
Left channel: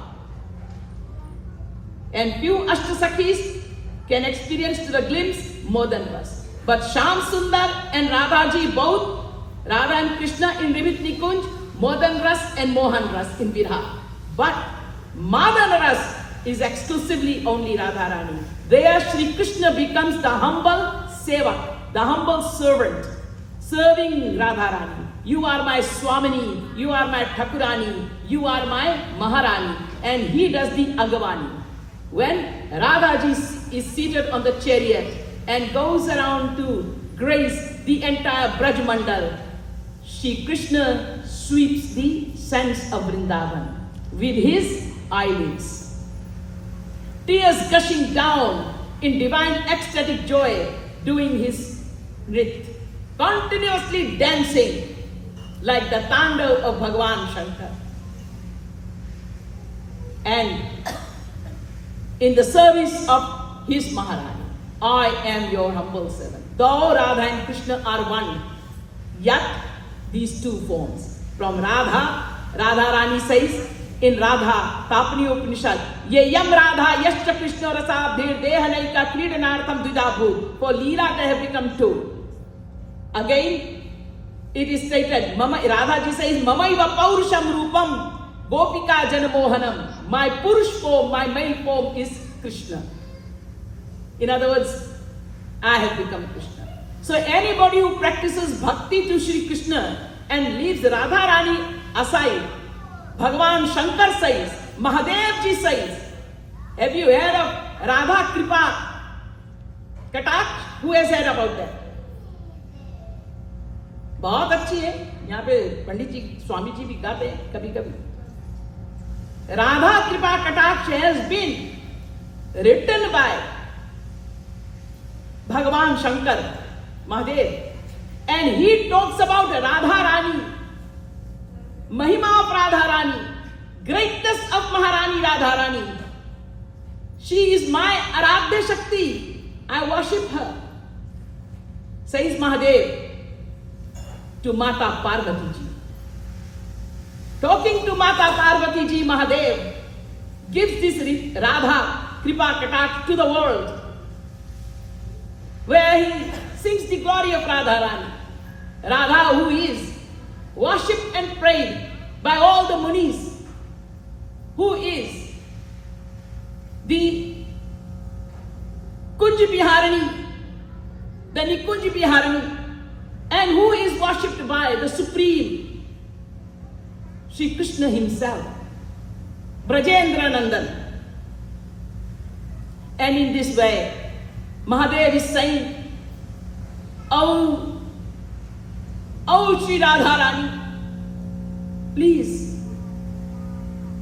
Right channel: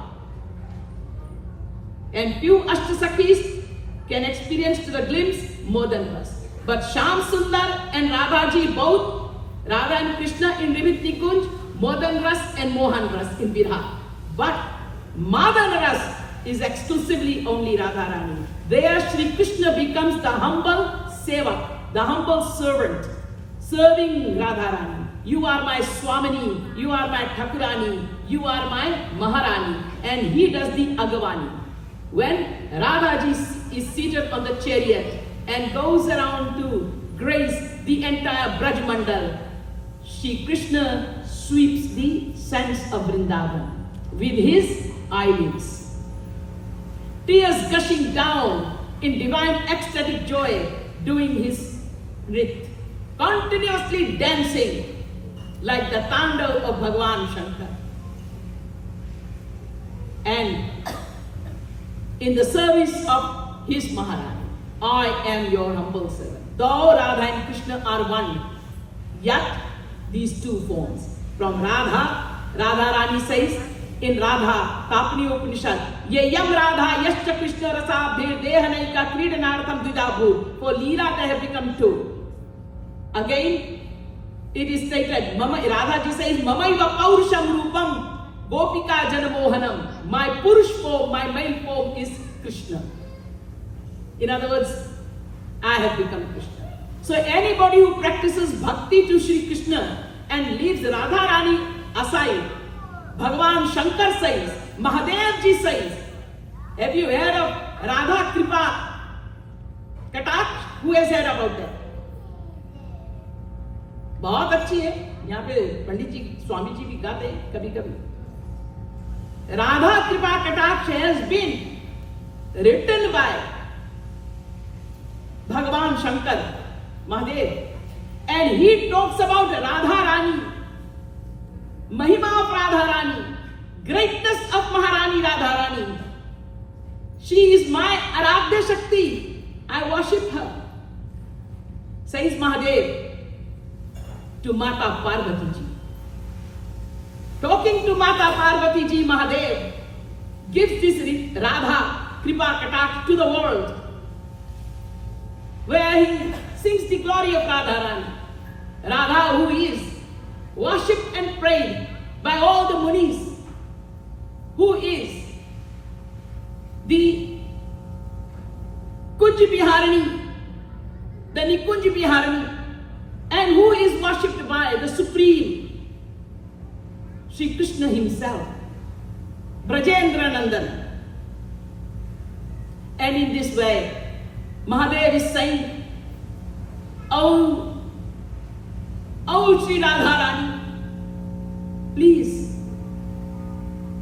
And few Ashtasakhis can experience to the glimpse Madanaras. But Shyam Sundar and Radhaji both, Radha and Krishna in Rimit Nikunj, Madan Ras and Mohan Ras in Virha. But Madan Ras is exclusively only Radharani. There Sri Krishna becomes the humble sevak, the humble servant, serving Radharani. You are my Swamini, you are my Thakurani, you are my Maharani. And he does the Agavani. When Radhaji is seated on the chariot and goes around to grace the entire Braj Mandal, Shri Krishna sweeps the sands of Vrindavan with his eyelids. Tears gushing down in divine ecstatic joy, doing his nrit, continuously dancing like the Tandav of Bhagwan Shankar. And in the service of his Maharani, I am your humble servant. Though Radha and Krishna are one, yet these two forms. From Radha, Radha Rani says in Radha Tapani Upanishad, Ye yam Radha yascha Krishna rasa bhir dehanaika kridanartham dvidabhu. For Leela they have become two. Again, it is stated, Radha ji says, Mamaiva Paurusham Rupam Gopika Janamohanam. My Purush form, my male form is Krishna. In other words, I have become Krishna. So anybody who practices bhakti to Shri Krishna and leaves Radha Rani aside, Bhagavan Shankar says, Mahadev ji says, have you heard of Radha Kripa Kataksh? Who has heard about that? बहुत अच्छी है, यहाँ पे पंडित जी स्वामी जी भी गाते हैं कभी कभी. राधा कृपा कटाक्ष has been written by Bhagavan Shankar Mahadev, and he talks about Radha Rani, Mahima of Radha Rani, greatness of Maharani Radha Rani. She is my Aradhya Shakti. I worship her, says Mahadev to Mata Parvati ji. Talking to Mata Parvati ji, Mahadev gives this Radha Kripa Kataksh to the world, where he sings the glory of Radha Rani. Radha, who is worshipped and prayed by all the munis, who is the Kunj Biharani, the Nikunj Biharani, and who is worshipped by the Supreme Shri Krishna himself, Brajendra Nandan. And in this way, Mahadev is saying, Oh Shri Radha Rani, please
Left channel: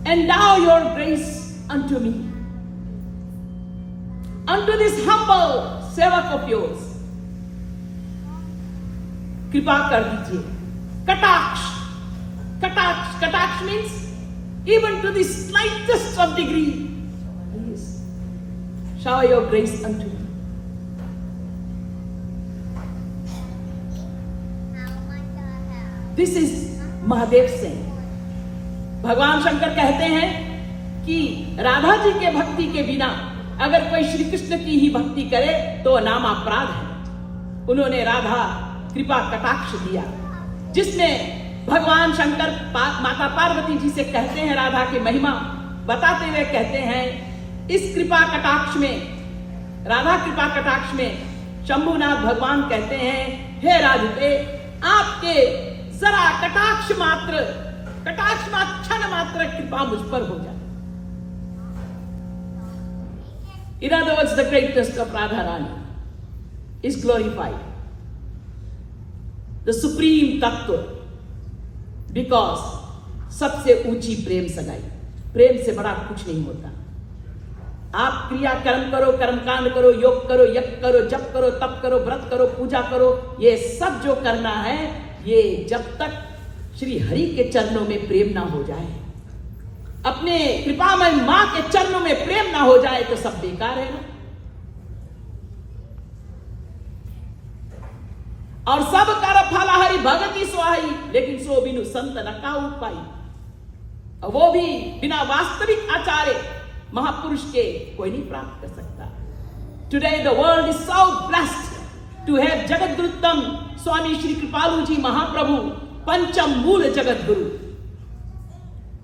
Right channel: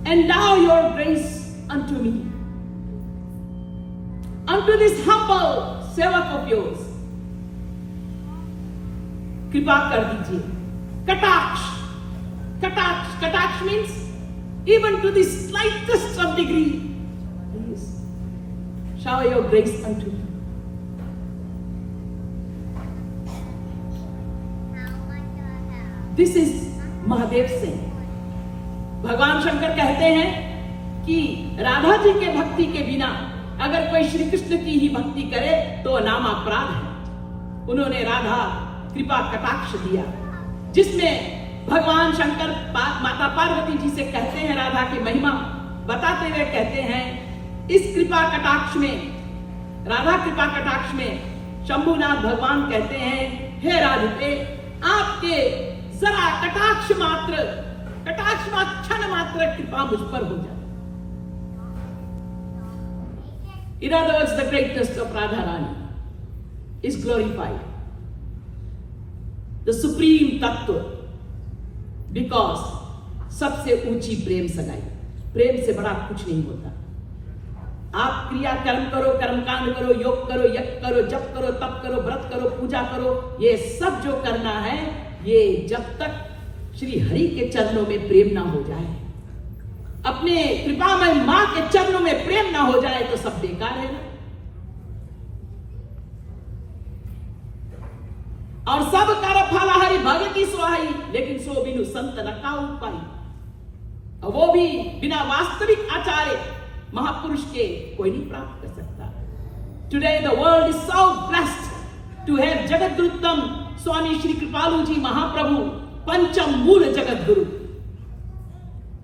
endow your grace unto me, unto this humble sevak of yours. कृपा कर दीजिए. Kataksh. Kataksh means even to the slightest of degree. Please shower your grace unto me. This is Mahadev saying. भगवान शंकर कहते हैं कि राधा जी के भक्ति के बिना अगर कोई श्री कृष्ण की ही भक्ति करे तो नाम अपराध है. उन्होंने राधा कृपा कटाक्ष दिया, जिसमें भगवान शंकर माता पार्वती जी से कहते हैं, राधा की महिमा बताते हुए कहते हैं, इस कृपा कटाक्ष में, राधा कृपा कटाक्ष में शंभुनाथ भगवान कहते हैं, हे राधिके, आपके जरा कटाक्ष मात्र क्षण मात्र कृपा मुझ पर हो जाए. In other words, the greatness of Radha Rani is glorified. The supreme tattva, because सबसे ऊंची प्रेम सगाई. प्रेम से बड़ा कुछ नहीं होता. आप क्रिया कर्म करो, कर्मकांड करो, योग करो, यज्ञ करो, जप करो, तप करो, व्रत करो, पूजा करो, ये सब जो करना है, ये जब तक श्री हरि के चरणों में प्रेम ना हो जाए, अपने कृपामय मां के चरणों में प्रेम ना हो जाए, तो सब बेकार है. और सब कर फल हरि भगति सुहाई, लेकिन सो बिनु संत न काऊ पाई. वो भी बिना वास्तविक आचार्य महापुरुष के कोई नहीं प्राप्त कर सकता. Today the world is so blessed to have Jagadguruttam Swami Shri Kripalu Ji Mahaprabhu, Pancham Mool Jagadguru.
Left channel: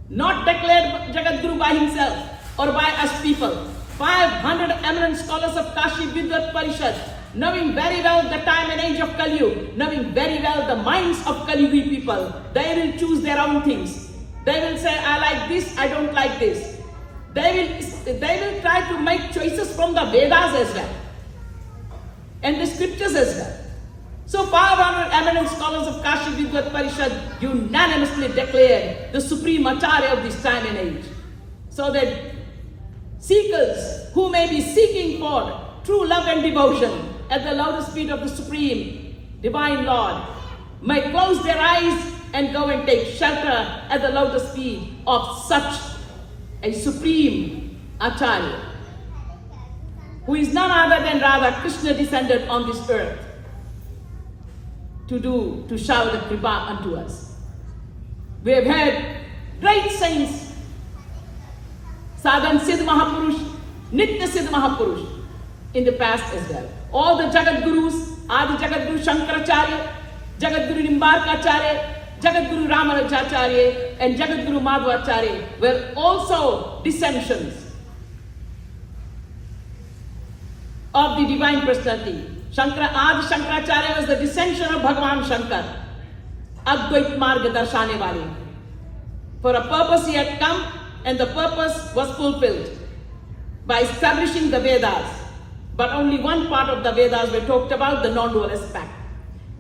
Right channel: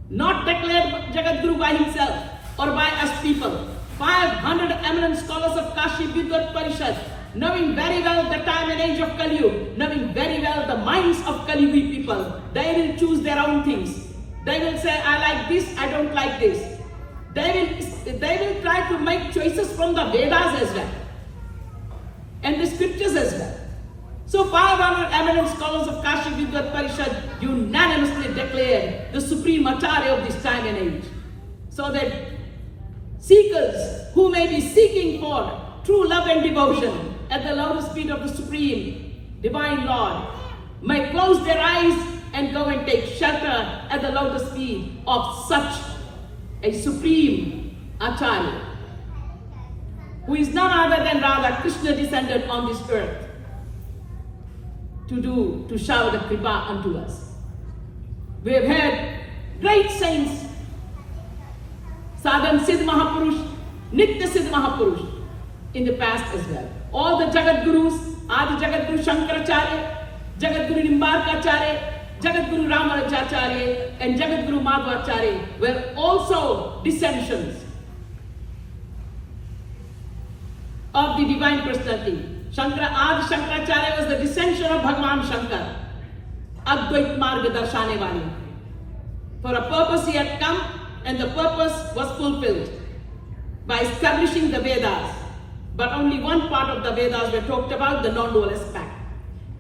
Not declared Jagadguru by himself or by us people. 500 eminent scholars of Kashi Vidvat Parishad, knowing very well the time and age of Kali Yuga, knowing very well the minds of Kali Yuga people, they will choose their own things. They will say, I like this, I don't like this. They will try to make choices from the Vedas as well and the scriptures as well. So five eminent scholars of Kashi Vidyat Parishad unanimously declared the supreme Acharya of this time and age. So that seekers who may be seeking for true love and devotion at the lotus feet of the Supreme Divine Lord may close their eyes and go and take shelter at the lotus feet of such a supreme Acharya, who is none other than Radha Krishna descended on this earth to shower the kripa unto us. We have had great saints, Sadhan Siddh Mahapurush, Nitya Siddh Mahapurush in the past as well. All the Jagat Gurus, Adi Jagat Guru Shankaracharya, Jagat Guru Nimbarkacharya, Jagat Guru Ramanujacharya and Jagat Guru Madhvacharya were also descendants of the Divine Personality. Adi Shankaracharya was the descendant of Bhagavan Shankar, Advait Marga Darshane Wale. For a purpose he had come, and the purpose was fulfilled by establishing the Vedas. But only one part of the Vedas were talked about, the non-dual aspect.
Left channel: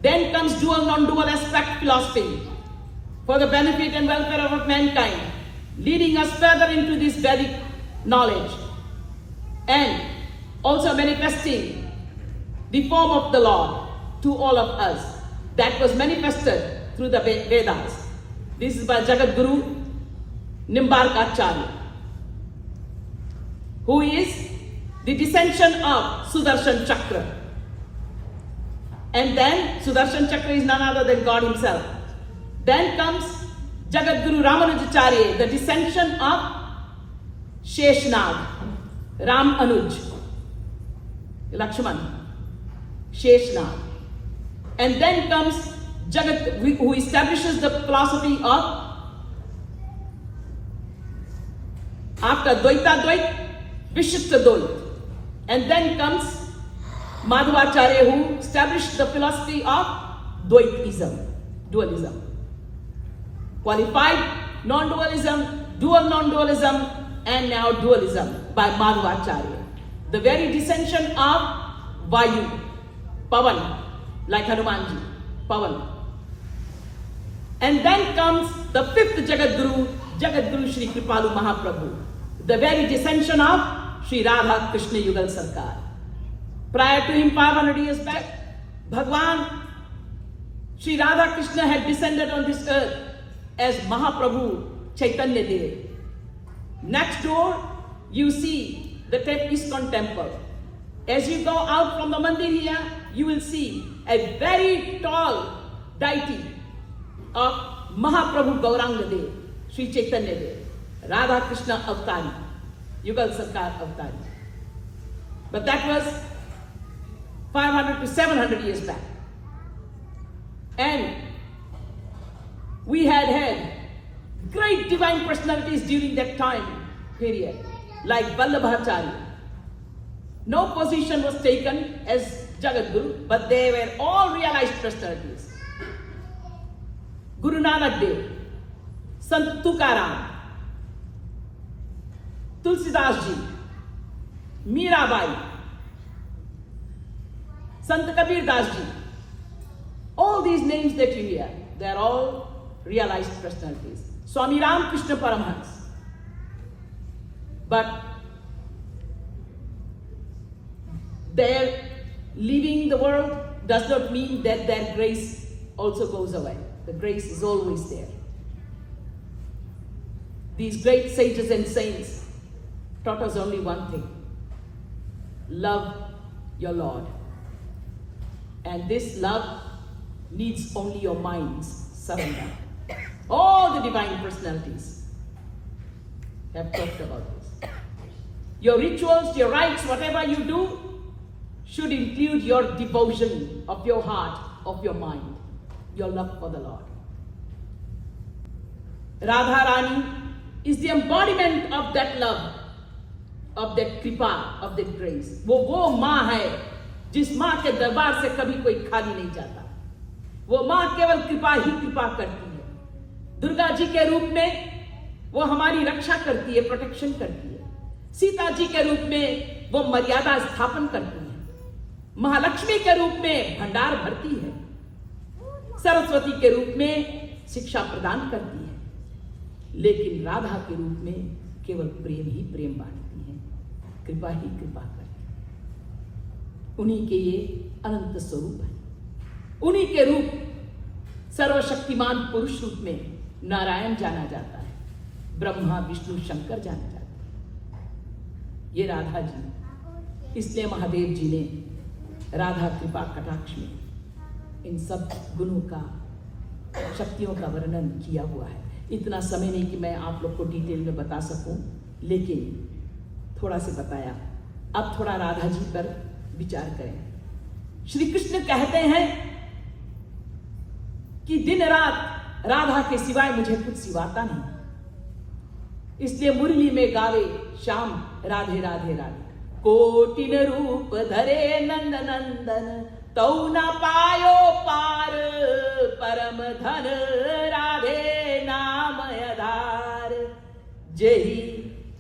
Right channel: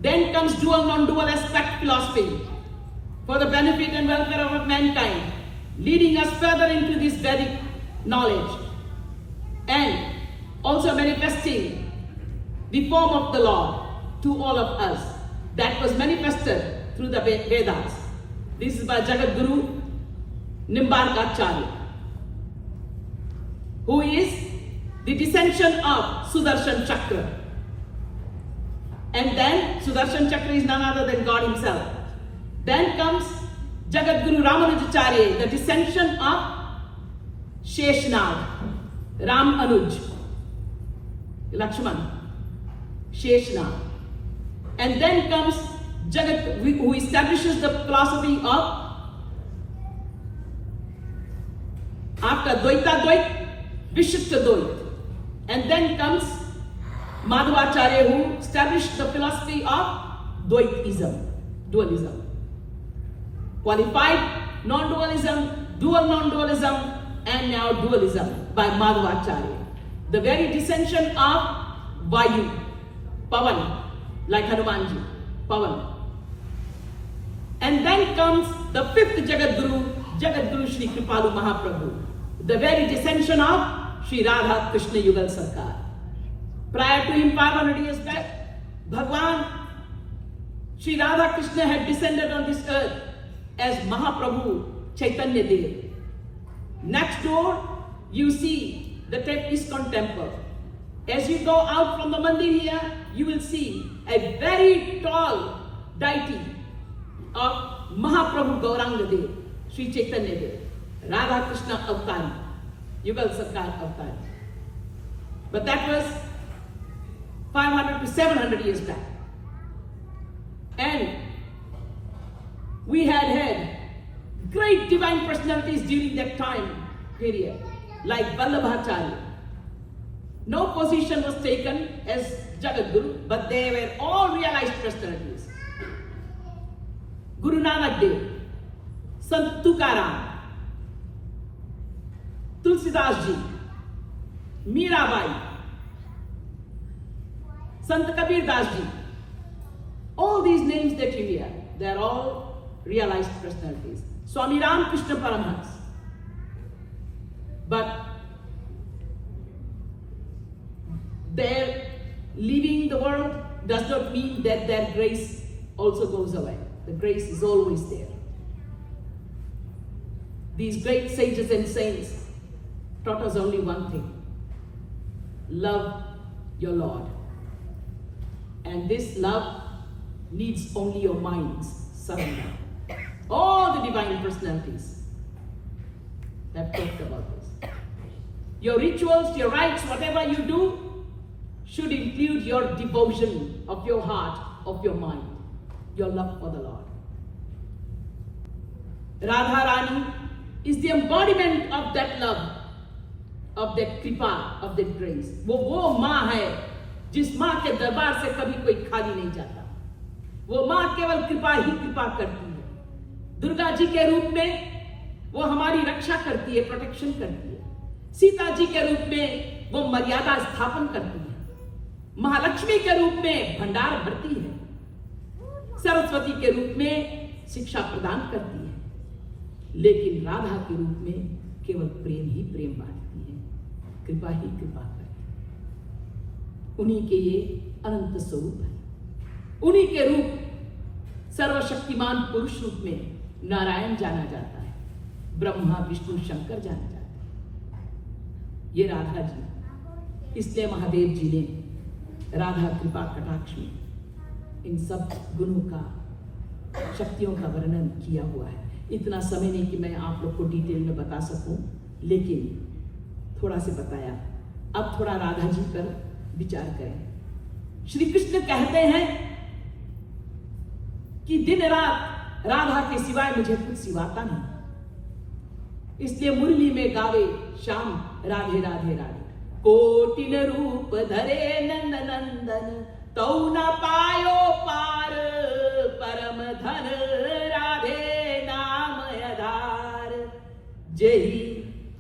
Then comes dual, non-dual aspect philosophy for the benefit and welfare of mankind, leading us further into this Vedic knowledge and also manifesting the form of the Lord to all of us. That was manifested through the Vedas. This is by Jagat Guru Nimbarkacharya, who is the descendant of Sudarshan Chakra. And then Sudarshan Chakra is none other than God himself. Then comes Jagat Guru Ramanujacharya, the descendant of Sheshnag, Ram Anuj, Lakshman, Sheshnag. And then comes Jagat, who establishes the philosophy of after Dvaita Dvait, Vishishta Dvait. And then comes Madhvacharya, who established the philosophy of Dvaitism, dualism. Qualified non-dualism, dual non-dualism, and now dualism by Madhvacharya. The very descendant of Vayu, Pavan, like Hanumanji, Pavan. And then comes the fifth Jagat Guru Shri Kripalu Mahaprabhu, the very descendant of Shri Radha Krishna Yugal Sarkar. Prior to him, 500 years back, Bhagwan Shri Radha Krishna had descended on this earth as Mahaprabhu Chaitanya Dev. Next door, you see the ISKCON temple. As you go out from the mandir here, you will see a very tall deity of Mahaprabhu Gauranga Dev, Sri Chaitanya Dev, Radha Krishna Avtari, Yugal Sarkar Avtari. But that was 500 to 700 years back. And we had great divine personalities during that time period, like Vallabhacharya. No position was taken as Jagat Guru, but they were all realized personalities. Guru Nanak Dev, Sant Tukaram, Tulsidas Ji, Mirabai, Sant Kabir Das Ji. All these names that you hear, they are all realized personalities. Swami Ramakrishna Paramhans. But their leaving the world does not mean that their grace also goes away. The grace is always there. These great sages and saints taught us only one thing: love your Lord. And this love needs only your mind's surrender. All the divine personalities have talked about this. Your rituals, your rites, whatever you do, should include your devotion of your heart, of your mind, your love for the Lord. Radha Rani is the embodiment of that love, of that kripa, of that grace. वो माँ है जिस माँ के दरबार से कभी कोई खाली नहीं जाता. वो माँ केवल कृपा ही कृपा करती है. दुर्गा जी के रूप में वो हमारी रक्षा करती है, प्रोटेक्शन करती है. सीता जी के रूप में वो मर्यादा स्थापन करती है. महालक्ष्मी के रूप में भंडार भरती है. सरस्वती के रूप में शिक्षा प्रदान करती है, लेकिन राधा के रूप में केवल प्रेम ही प्रेम बांटती है, कृपा ही कृपा करती है। उन्हीं के ये अनंत स्वरूप है। उन्हीं के रूप सर्वशक्तिमान पुरुष रूप में नारायण जाना जाता है, ब्रह्मा विष्णु शंकर जाना जाता है। ये राधा जी, इसलिए महादेव जी ने राधा कृपा कटाक्ष में इन सब गुणों का, शक्तियों का वर्णन किया हुआ है। इतना समय नहीं कि मैं आप लोग को डिटेल में बता सकूं, लेकिन थोड़ा से बताया। अब थोड़ा राधा जी पर विचार करें। श्री कृष्ण कहते हैं कि दिन रात राधा के सिवाय मुझे कुछ सिवाता नहीं, इसलिए मुरली में गावे श्याम राधे राधे राधे। कोटिन रूप धरे नंद नंदन, तौ न पायो पार परम धन राधे नाम आधार। जेहि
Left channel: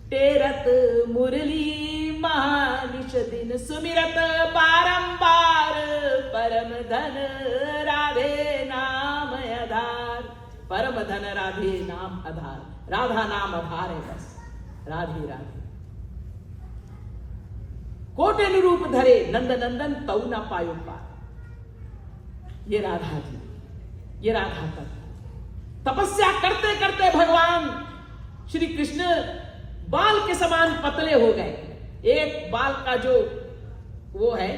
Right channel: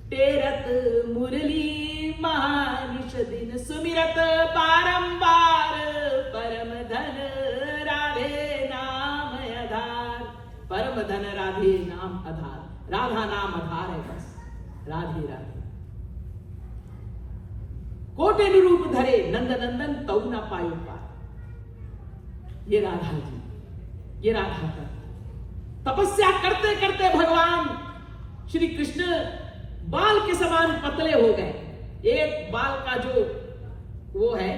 टेरत मुरली महानिश दिन, सुमिरत बारंबार परम धन राधे नाम आधार। परम धन राधे नाम आधार, राधा नाम आधार है बस, राधे राधे। कोटिन रूप धरे नंद नंदन, तौ न पायो पार। ये राधा जी, ये राधा तत्व। तपस्या करते करते भगवान श्री कृष्ण बाल के समान पतले हो गए। एक बाल का जो वो है,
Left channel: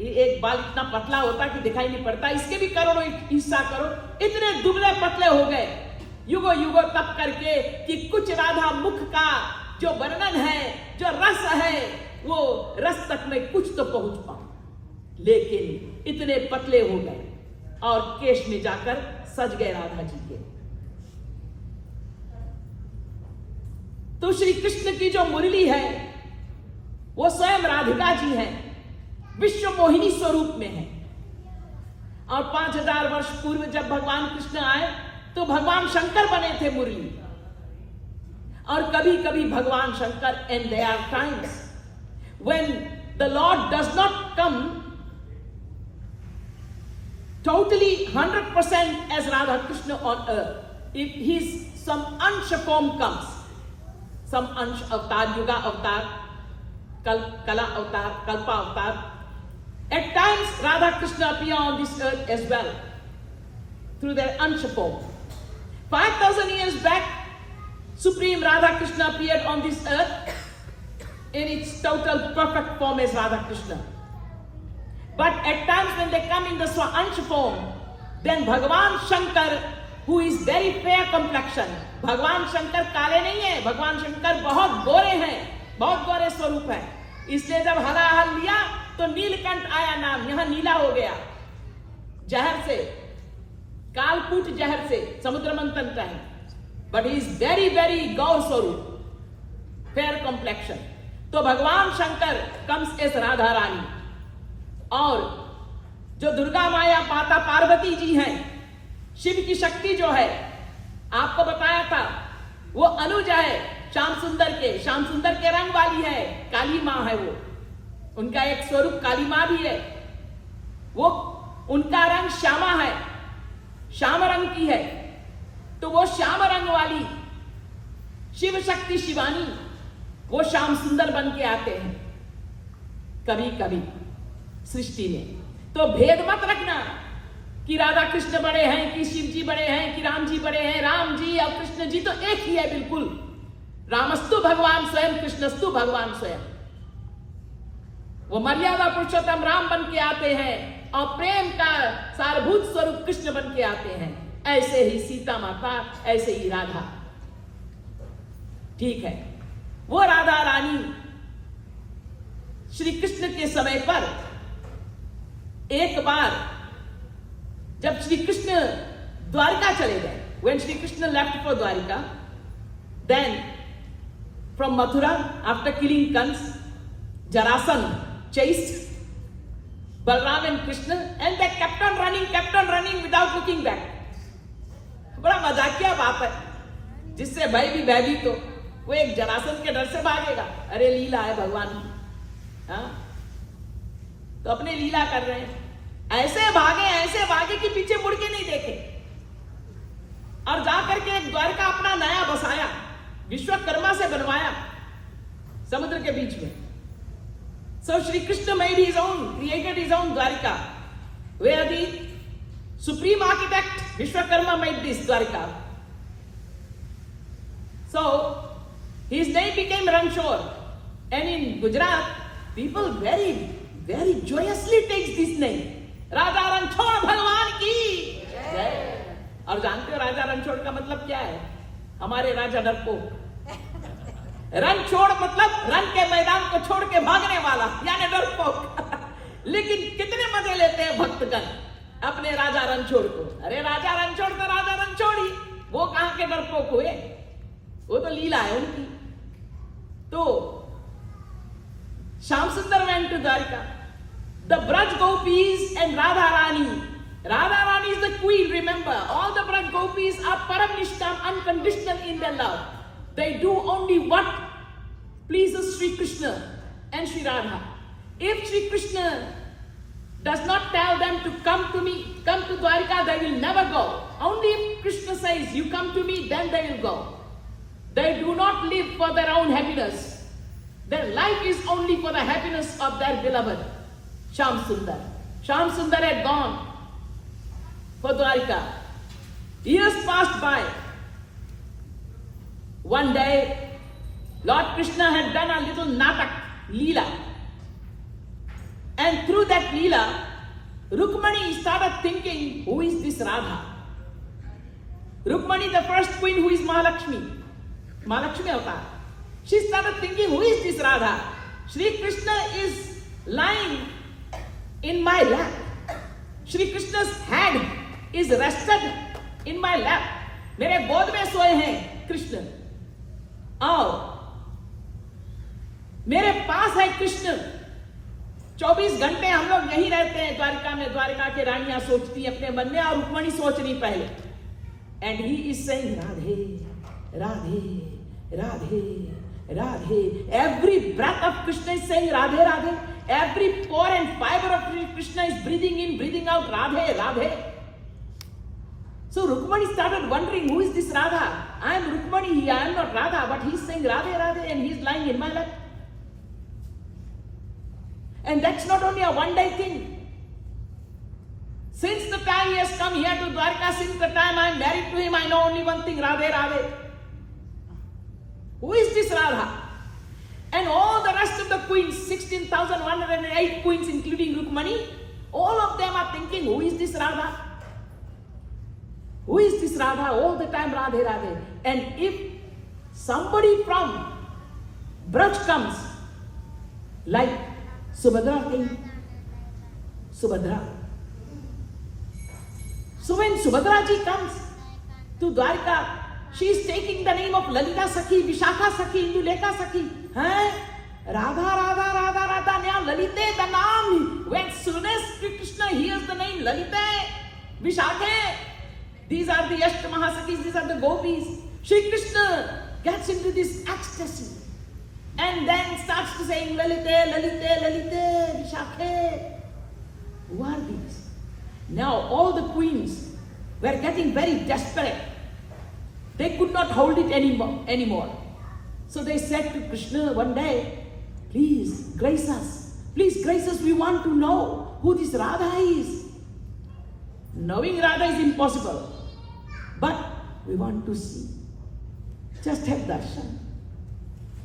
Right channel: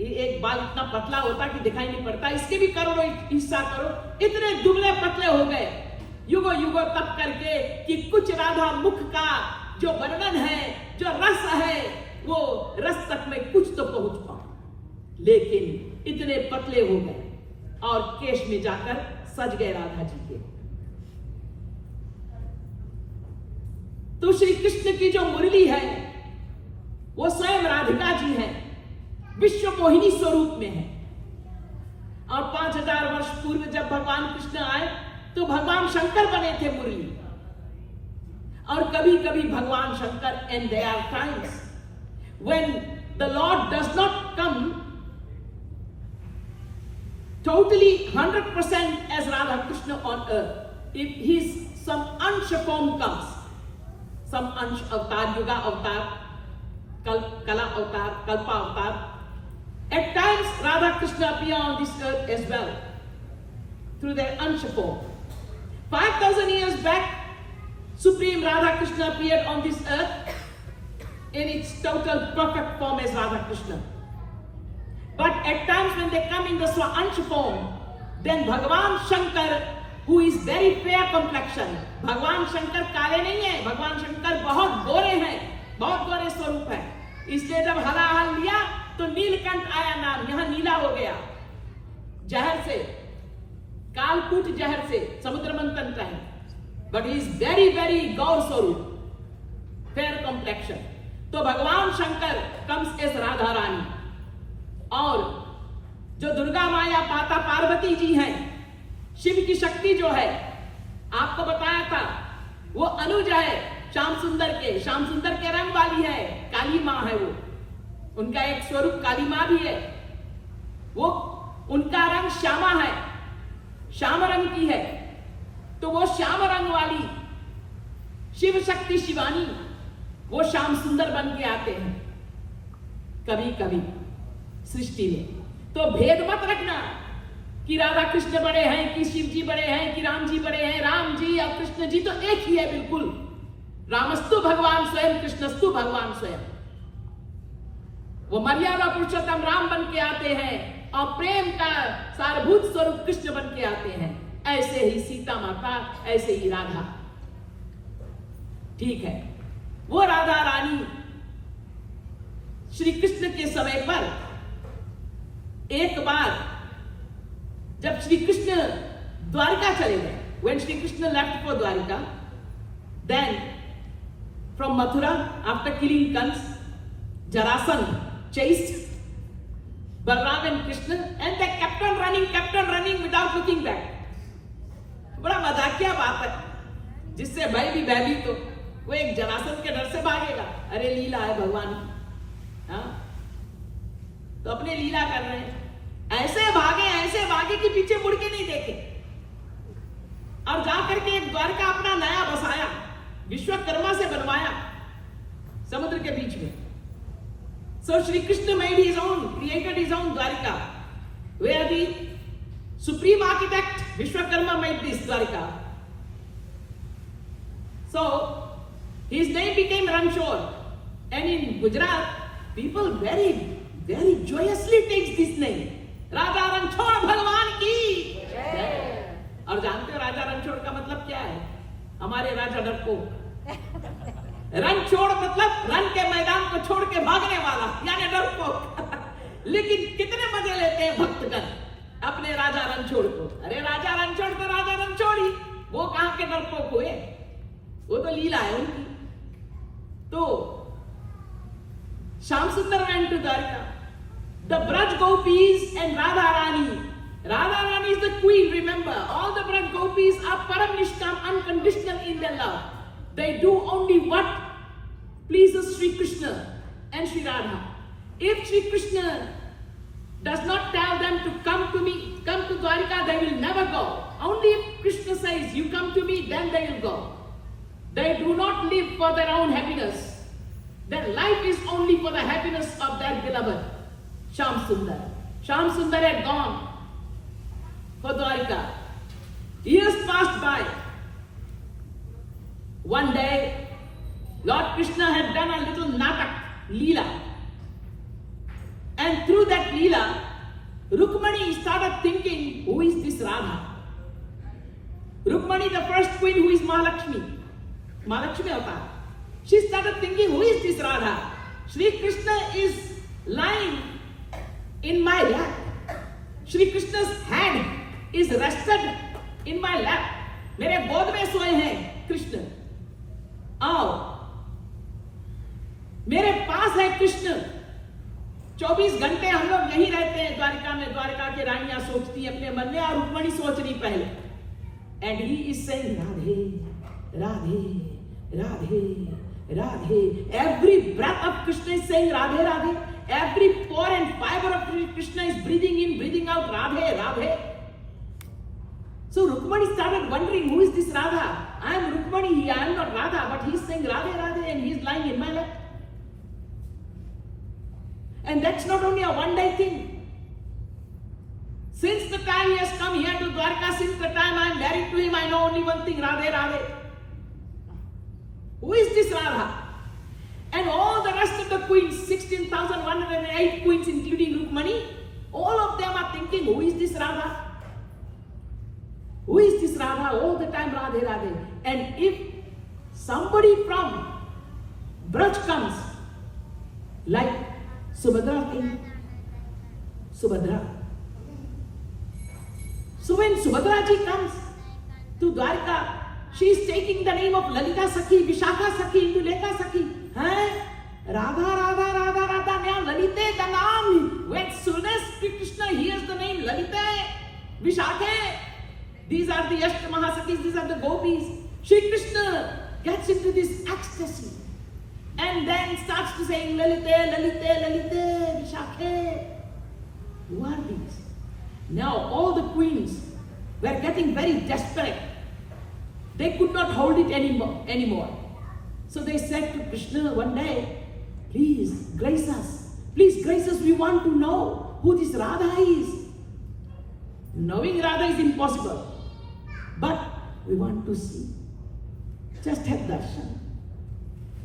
एक बाल इतना पतला होता कि दिखाई नहीं पड़ता, इसके भी करो हिस्सा करो, इतने दुबले पतले हो गए युगो युगो तप करके कि कुछ राधा मुख का जो वर्णन है, जो रस है, वो रस तक में कुछ तो पहुंच पाओ। लेकिन इतने पतले हो गए और केश में जाकर सज गए राधा जी के। तो श्री कृष्ण की जो मुरली है वो स्वयं राधिका जी है, विश्व मोहिनी स्वरूप में है। और 5000 वर्ष पूर्व जब भगवान कृष्ण आए तो भगवान शंकर बने थे मुरली। और कभी कभी भगवान Shankar, and there are times when the Lord does not come totally 100% as Radha Krishna on earth, if his some ansh form comes, some ansh avatar, yuga avatar, kala avatar, kalpa avatar, at times Radha Krishna appear on this earth as well through their ansh form. 5000 years back, Supreme Radha Krishna appeared on this earth in its total perfect form as Radha Krishna. But at times when they come in the Swaansh form, then Bhagavan Shankar, who is very fair complexion, भगवान शंकर काले नहीं है, भगवान शंकर बहुत गोरे हैं, बहुत गोरे स्वरूप है। इसलिए जब हलाहल लिया तो नीलकंठ आया नाम, यहां नीला हो गया जहर से, कालकूट जहर से समुद्र मंथन का है। But he is very very गौर स्वरूप, फेयर कॉम्प्लेक्शन। तो भगवान शंकर कम्स एस राधा रानी, और जो दुर्गा माया माता पार्वती जी हैं, शिव की शक्ति जो है, आपको बताया था वो अनुज है श्याम सुंदर के, श्याम सुंदर के रंग वाली है, काली मां है वो, उनका एक स्वरूप काली मां भी है, वो उनका रंग श्यामा है, श्याम रंग की है। तो वो श्याम रंग वाली शिव शक्ति शिवानी, वो श्याम सुंदर बन के आते हैं कभी कभी सृष्टि में। तो भेद मत रखना कि राधा कृष्ण बड़े हैं, कि शिव जी बड़े हैं, कि राम जी बड़े हैं। राम जी और कृष्ण जी तो एक ही है बिल्कुल। रामस्तु भगवान स्वयं, कृष्णस्तु भगवान स्वयं। वो मर्यादा पुरुषोत्तम राम बन के आते हैं और प्रेम का सारभूत स्वरूप कृष्ण बन के आते हैं। ऐसे ही सीता माता, ऐसे ही राधा। ठीक है, वो राधा रानी श्री कृष्ण के समय पर एक बार जब श्री कृष्ण द्वारिका चले गए, when Shri Krishna left for Dwarika, then from Mathura, after killing Kans, Jarasandha chased Balram and Krishna, and they kept on running without looking back. बड़ा मजाकिया बात है, जिससे भय भी भयभीत हो, वो एक जरासंध के डर से भागेगा। अरे लीला है भगवान की, हाँ? तो अपने लीला कर रहे हैं। ऐसे ऐसे भागे कि पीछे मुड़ के नहीं देखे, और जाकर के एक द्वारका अपना नया बसाया, विश्वकर्मा से बनवाया समुद्र के बीच में. So Shri Krishna made his own, created his own Dwarka, where the supreme architect Vishwakarma made this Dwarka. So his name became Ranchor, and in Gujarat people very, very joyously takes this name, Raja Ranchor भगवान की जय. और जानते हो राजा रणछोड़ का मतलब क्या है? हमारे राजा डरपोक. रणछोड़ मतलब रण के मैदान को छोड़ के भागने वाला, यानी डरपोक. लेकिन कितने मजे लेते हैं भक्तगण अपने राजा रणछोड़ को. अरे राजा रणछोड़ तो राजा रणछोड़ ही, वो कहां के डरपोक हुए? वो तो लीला है उनकी. तो श्याम सुंदर went to Dwarka. The Braj Gopis and Radha Rani. Radha Rani is the queen, remember. All the Braj Gopis are param nishkam, unconditional in their love. They do only what pleases Sri Krishna and Sri Radha. If Sri Krishna does not tell them to come to me, come to Dwarka, they will never go. Only if Krishna says, you come to me, then they will go. They do not live for their own happiness. Their life is only for the happiness of their beloved, Shyam Sundar. Shyam Sundar had gone for Dwarka. Years passed by. One day, Lord Krishna had done a little natak, Leela. And through that Leela, Rukmani started thinking, who is this Radha? Rukmani, the first queen, who is Mahalakshmi. Mahalakshmi avatar. She started thinking, who is this Radha? Shri Krishna is lying in my lap. Shri Krishna's head is rested in my lap. मेरे गोद में सोए हैं कृष्ण. आओ, मेरे पास है कृष्ण. 24 घंटे हम लोग यहीं रहते हैं द्वारका में. द्वारका के रानियां सोचती अपने मन में, और रुक्मणी सोच रही पहले. And he is saying Radhe Radhe Radhe Radhe. Every breath of Krishna is saying Radhe, Radhe. Every pore and fiber of Krishna is breathing in, breathing out, Radhe, Radhe. So Rukmani started wondering, who is this Radha? I am Rukmani, I am not Radha, but he is saying Radhe, Radhe, and he is lying in my lap. And that's not only a one-day thing. Since the time he has come here to Dwarka, since the time I am married to him, I know only one thing, Radhe, Radhe. Who is this Radha? And all the rest of the queens, 16,108 queens including Rukmani, all of them are thinking, who is this Radha? Who is this Radha? All the time Radhe, Radhe. And if somebody from Braj comes, like Subhadra came, Subhadra. So when Subhadra ji comes to Dwarka, she is taking the name of Lalita Sakhi, Vishakha Sakhi, Indulekha Sakhi. Radha, Radha, Radha, Radha. Now Lalite, the name. When soon as Krishna hears the name Lalite, Vishakhe, these are the Ashta Mahasakis, these are the gopis. Shri Krishna gets into this ecstasy and then starts to saying Lalite, Lalite, Lalite, Vishakhe. Who are these? Now all the queens were getting very desperate. They could not hold it anymore. So they said to Krishna one day, please grace us. Please grace us. We want to know who this Radha is. Knowing Radha is impossible. But we want to see. Just have darshan.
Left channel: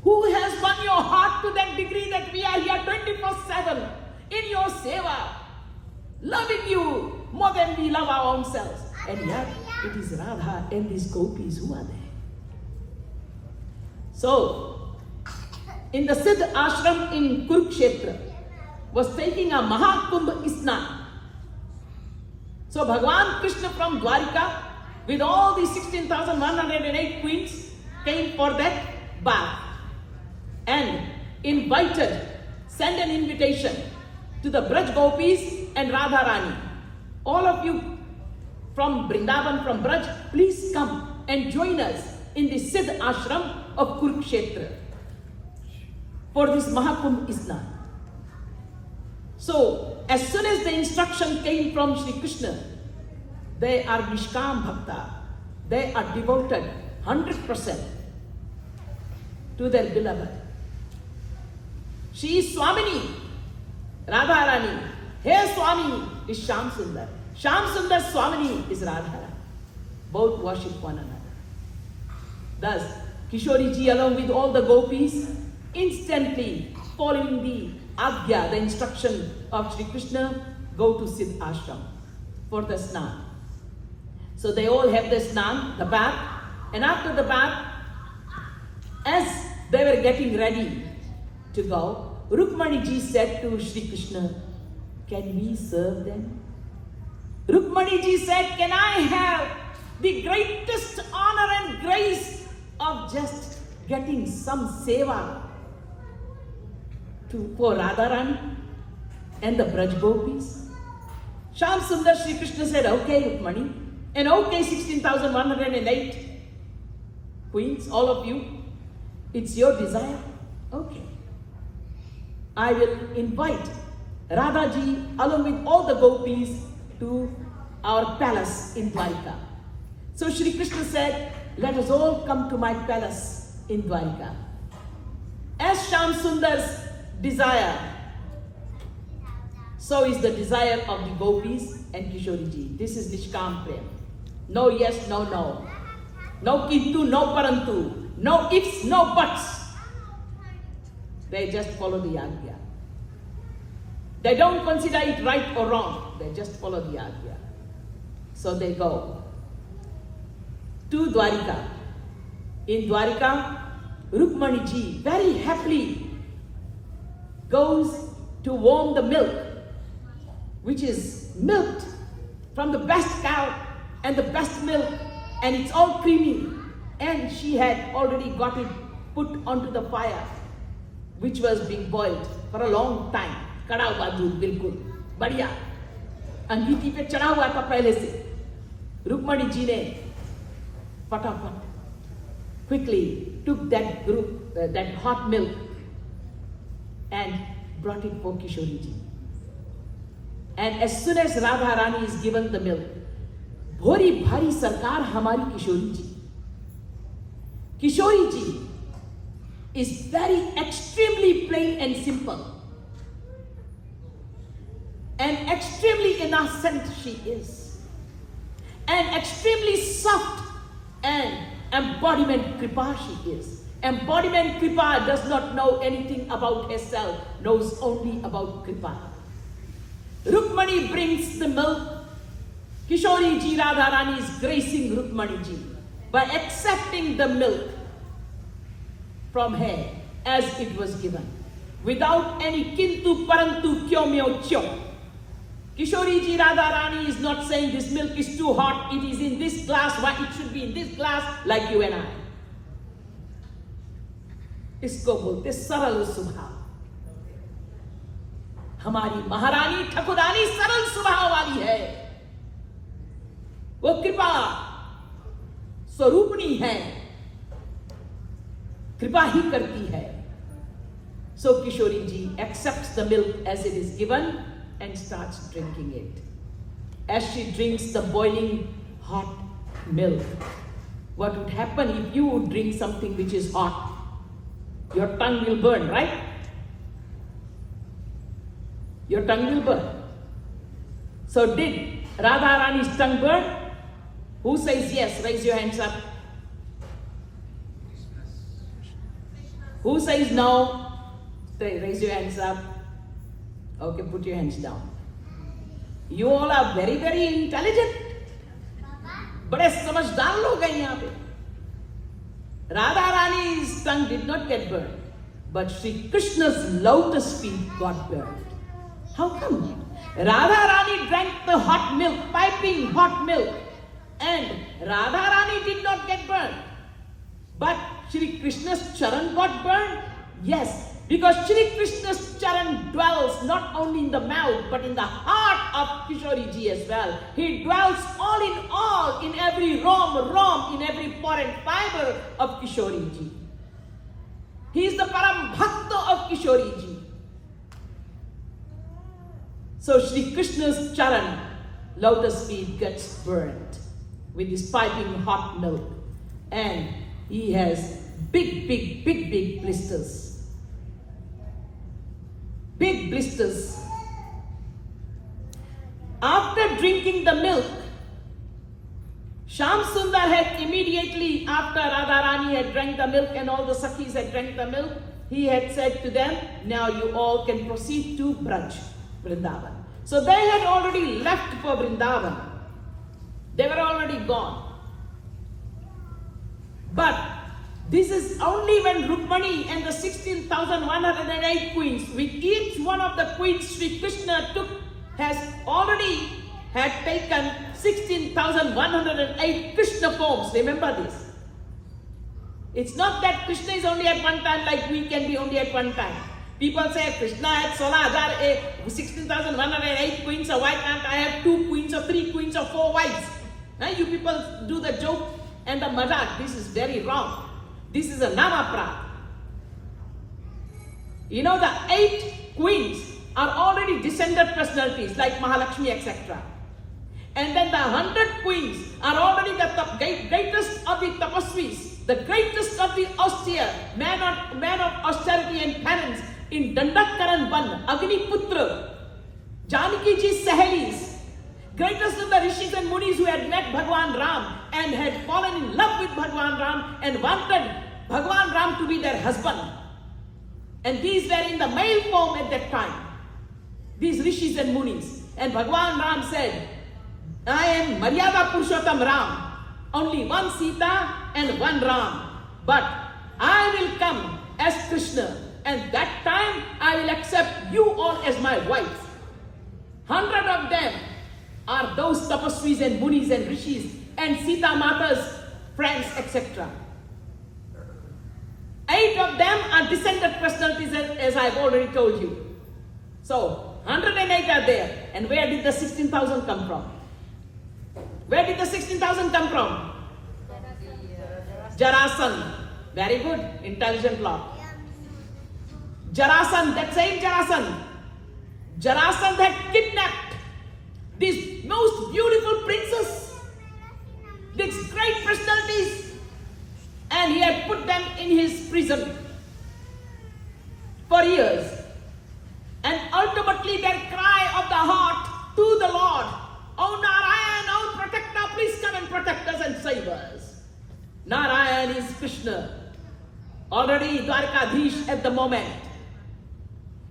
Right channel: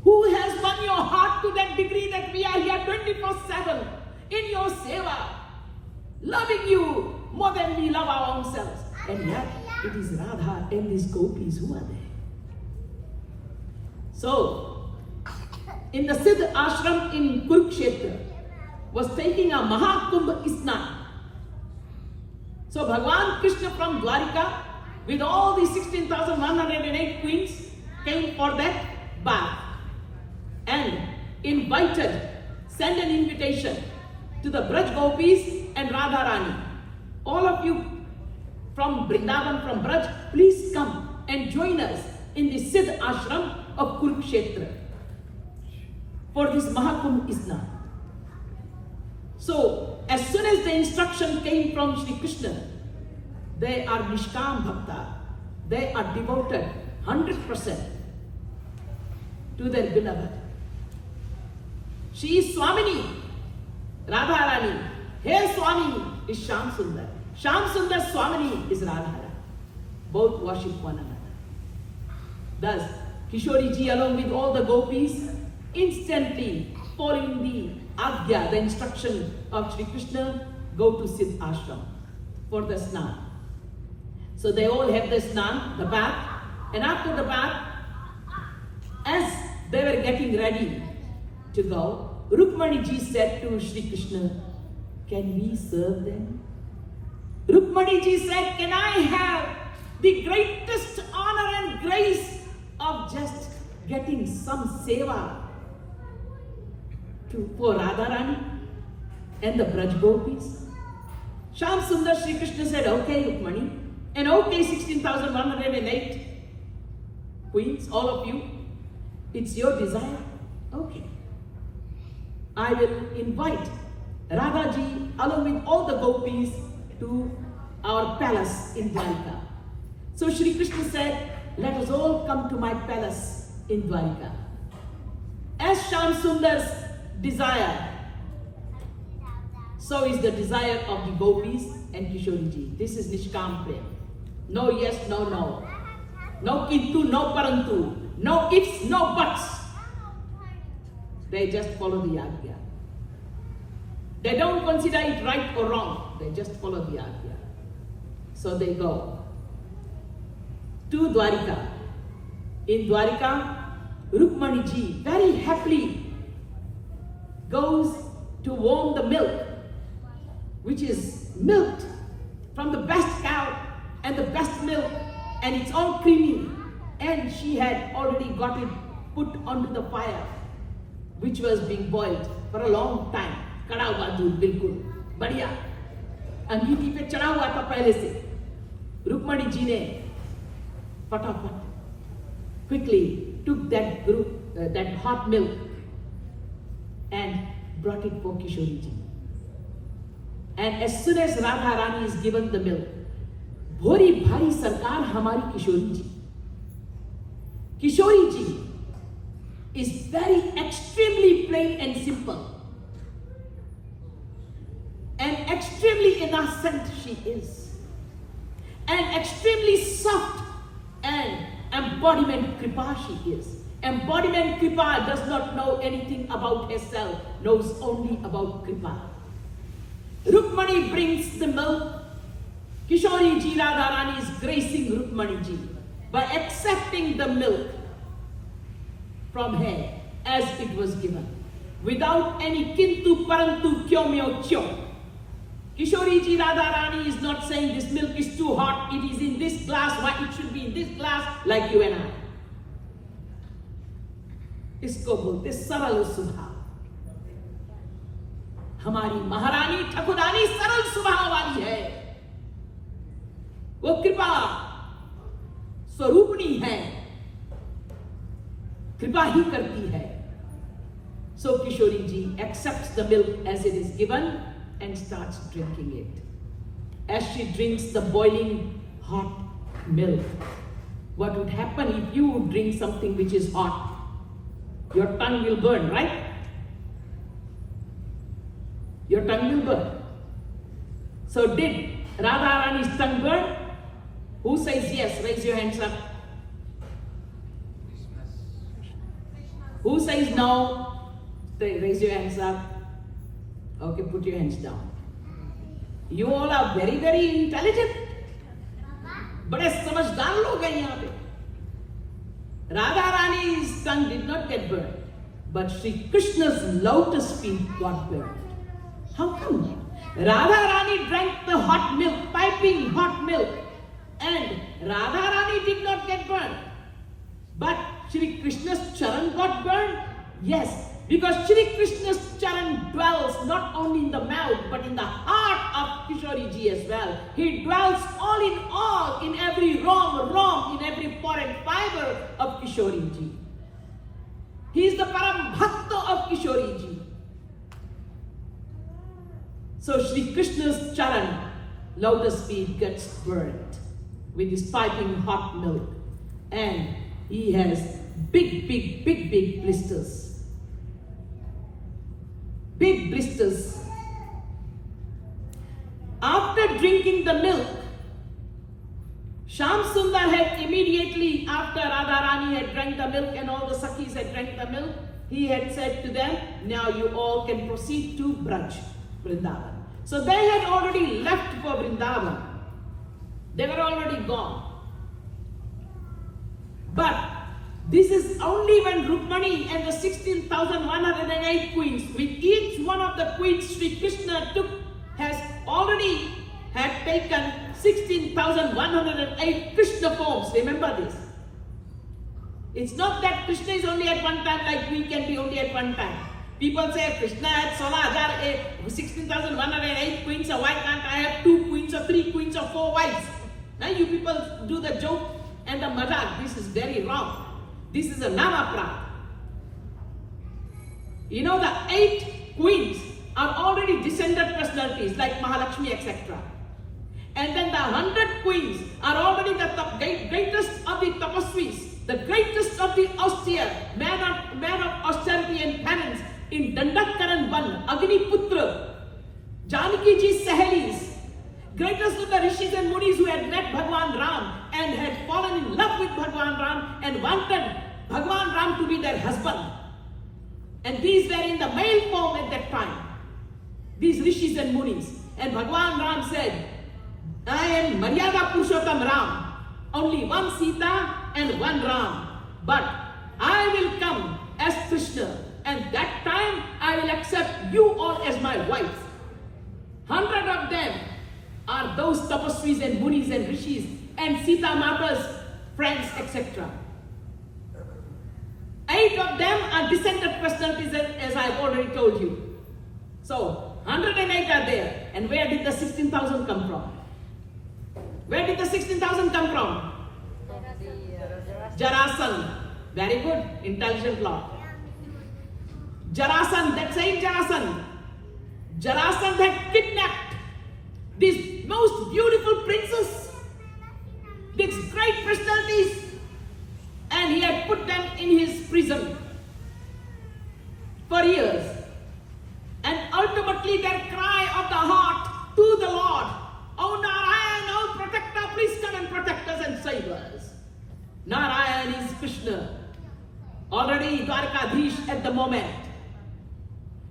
Who has won your heart to that degree that we are here 24/7 in your seva, loving you more than we love our own selves. And yet, it is Radha and these gopis who are there. So, in the Siddha ashram in Kurukshetra, was taking a Mahakumbh Isnan. So, Bhagwan Krishna from Dwarika, with all the 16,108 queens, came for that bath. And invited, sent an invitation to the Braj Gopis and Radha Rani. All of you from Vrindavan, from Braj, please come and join us in the Siddha ashram of Kurukshetra for this Mahakumbh Isnan. So So, as soon as the instruction came from Sri Krishna, they are Nishkam Bhakta. They are devoted 100% to their beloved. She is Swamini, Radharani. Her Swami is Shyam Sundar. Shyam Sundar Swamini is Radharani. Both worship one another. Thus, Kishori ji along with all the gopis, instantly following the Agya, the instruction of Sri Krishna, go to Siddh Ashram for the snan. So they all have the snan, the bath, and after the bath, as they were getting ready to go, Rukmani ji said to Sri Krishna, "Can we serve them?" Rukmani ji said, "Can I have the greatest honor and grace of just getting some seva for Radharani and the Braj Gopis?" Shyam Sundar Sri Krishna said, "Okay, Rukmani, and okay, 16,108 queens, all of you, it's your desire. Okay. I will invite Radhaji along with all the gopis to our palace in Dwarika." So Shri Krishna said, "Let us all come to my palace in Dwarika." As Shyam Sundar's desire, so is the desire of the gopis and Kishori ji. This is Nishkam Prem. No yes, no no. No kintu, no parantu. No ifs, no buts. They just follow the Agya. They don't consider it right or wrong. They just follow the Agya. So they go to Dwarika. In Dwarika, Rukmani ji very happily goes to warm the milk, which is milked from the best cow and the best milk, and it's all creamy. And she had already got it put onto the fire, which was being boiled for a long time. कड़ा हुआ दूध बिल्कुल बढ़िया अंगीठी पे चढ़ा हुआ था पहले से. रुक्मणी जी ने फटाफट quickly took that hot milk and brought it for Kishori ji. And as soon as Radha Rani is given the milk, भोरी भारी सरकार हमारी Kishori ji. Kishori ji is very extremely plain and simple. And extremely innocent she is. And extremely soft and embodiment Kripa she is. Embodiment Kripa does not know anything about herself, knows only about Kripa. Rukmani brings the milk. Kishori ji Radharani is gracing Rukmani ji by accepting the milk from her as it was given, without any kintu parantu kyo myo kyo. Kishori ji Radharani is not saying this milk is too hot, it is in this glass, why it should be in this glass, like you and I. इसको बोलते सरल स्वभाव. हमारी महारानी ठकुरानी सरल स्वभाव वाली है. वो कृपा स्वरूपणी है, कृपा ही करती है. So Kishori ji accepts the milk as it is given and starts drinking it. As she drinks the boiling hot milk, what would happen if you would drink something which is hot? Your tongue will burn, right? Your tongue will burn. So did Radharani's tongue burn? Who says yes? Raise your hands up. Who says no? Raise your hands up. Okay, put your hands down. You all are very, very intelligent. बड़े समझदार लोग हैं यहाँ पे. Radha Rani's tongue did not get burned, but Sri Krishna's lotus feet got burned. How come? Radha Rani drank the hot milk, piping hot milk, and Radha Rani did not get burned. But Sri Krishna's charan got burned? Yes, because Sri Krishna's charan dwells not only in the mouth, but in the heart of Kishori ji as well. He dwells all, in every rom, in every pore and fiber of Kishori ji. He is the Param Bhakta of Kishori ji. So Shri Krishna's charan, lotus feet, gets burnt with this piping hot milk, and he has big blisters. Big blisters. After drinking the milk, Sham Sundar had immediately, after Radharani had drank the milk and all the Sakhis had drank the milk, he had said to them, now you all can proceed to Braj, Vrindavan. So they had already left for Vrindavan. They were already gone. But this is only when Rukmani and the 16,108 queens, with each one of the queens Sri Krishna has already taken 16,108 Krishna forms. Remember this. It's not that Krishna is only at one time like we can be only at one time. People say Krishna had 16,108 queens, so why can't I have 2 queens or 3 queens or 4 wives? Now you people do the joke and the mazak. This is very wrong. This is a namaprad. You know, the 8 queens are already descended personalities like Mahalakshmi, etc. And then the 100 queens are already the greatest of the tapasvis, the greatest of the austere, man of austerity and penance in Dandakaran Ban, Agniputra, Janaki Ji's Sahelis, greatest of the rishis and munis who had met Bhagwan Ram and had fallen in love with Bhagwan Ram and wanted Bhagwan Ram to be their husband. And these were in the male form at that time, these rishis and munis. And Bhagwan Ram said, I am Maryada Purushottam Ram, only one Sita and one Ram. But I will come as Krishna, and that time I will accept you all as my wives. 100 of them are those tapasvis and munis and rishis and Sita Mata's friends, etc. 8 of them are descended personalities, as I've already told you. So 108 are there. And where did the 16,000 come from? Where did the 16,000 come from? Jarasandha. Very good, intelligent lot. Jarasandha, that same Jarasandha. Jarasandha had kidnapped these most beautiful princes, these great personalities, and he had put them in his prison for years. And ultimately their cry of the heart to the Lord, "Oh Narayan, oh protector, please come and protect us and save us." Narayan is Krishna, already Dwarkadhish at the moment.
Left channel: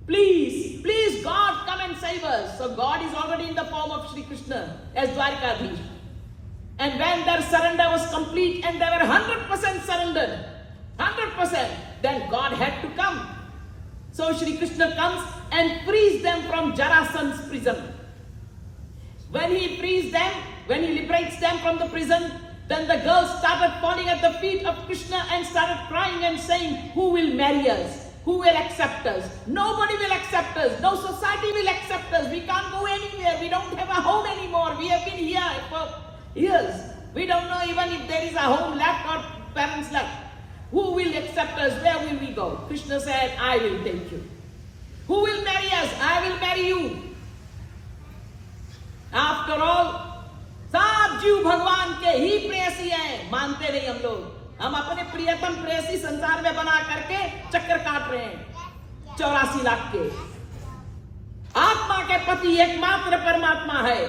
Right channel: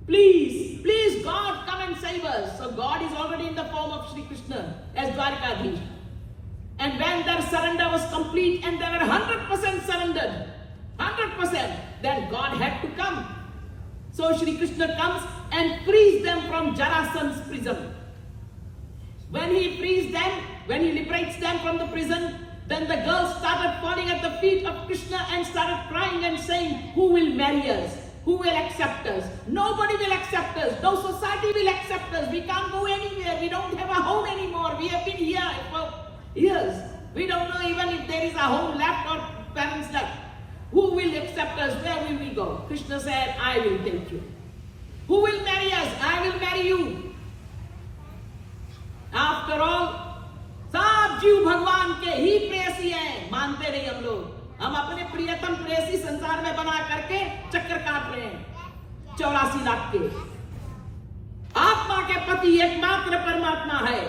Please, please God, come and save us. So God is already in the form of Sri Krishna as Dwarkadhish. And when their surrender was complete and they were 100% surrendered, 100%, then God had to come. So Sri Krishna comes and frees them from Jarasandha's prison. When he frees them, when he liberates them from the prison, then the girls started falling at the feet of Krishna and started crying and saying, "Who will marry us? Who will accept us? Nobody will accept us. No society will accept us. We can't go anywhere. We don't have a home anymore. We have been here for years. We don't know even if there is a home left or parents left. Who will accept us? Where will we go?" Krishna said, "I will take you." Who will marry us? I will marry you. After all, सब जीव भगवान के ही प्रेयसी हैं, मानते नहीं हम लोग। हम अपने प्रियतम प्रेयसी संसार में बना करके चक्कर काट रहे हैं 84 लाख के। आत्मा के पति एकमात्र परमात्मा है।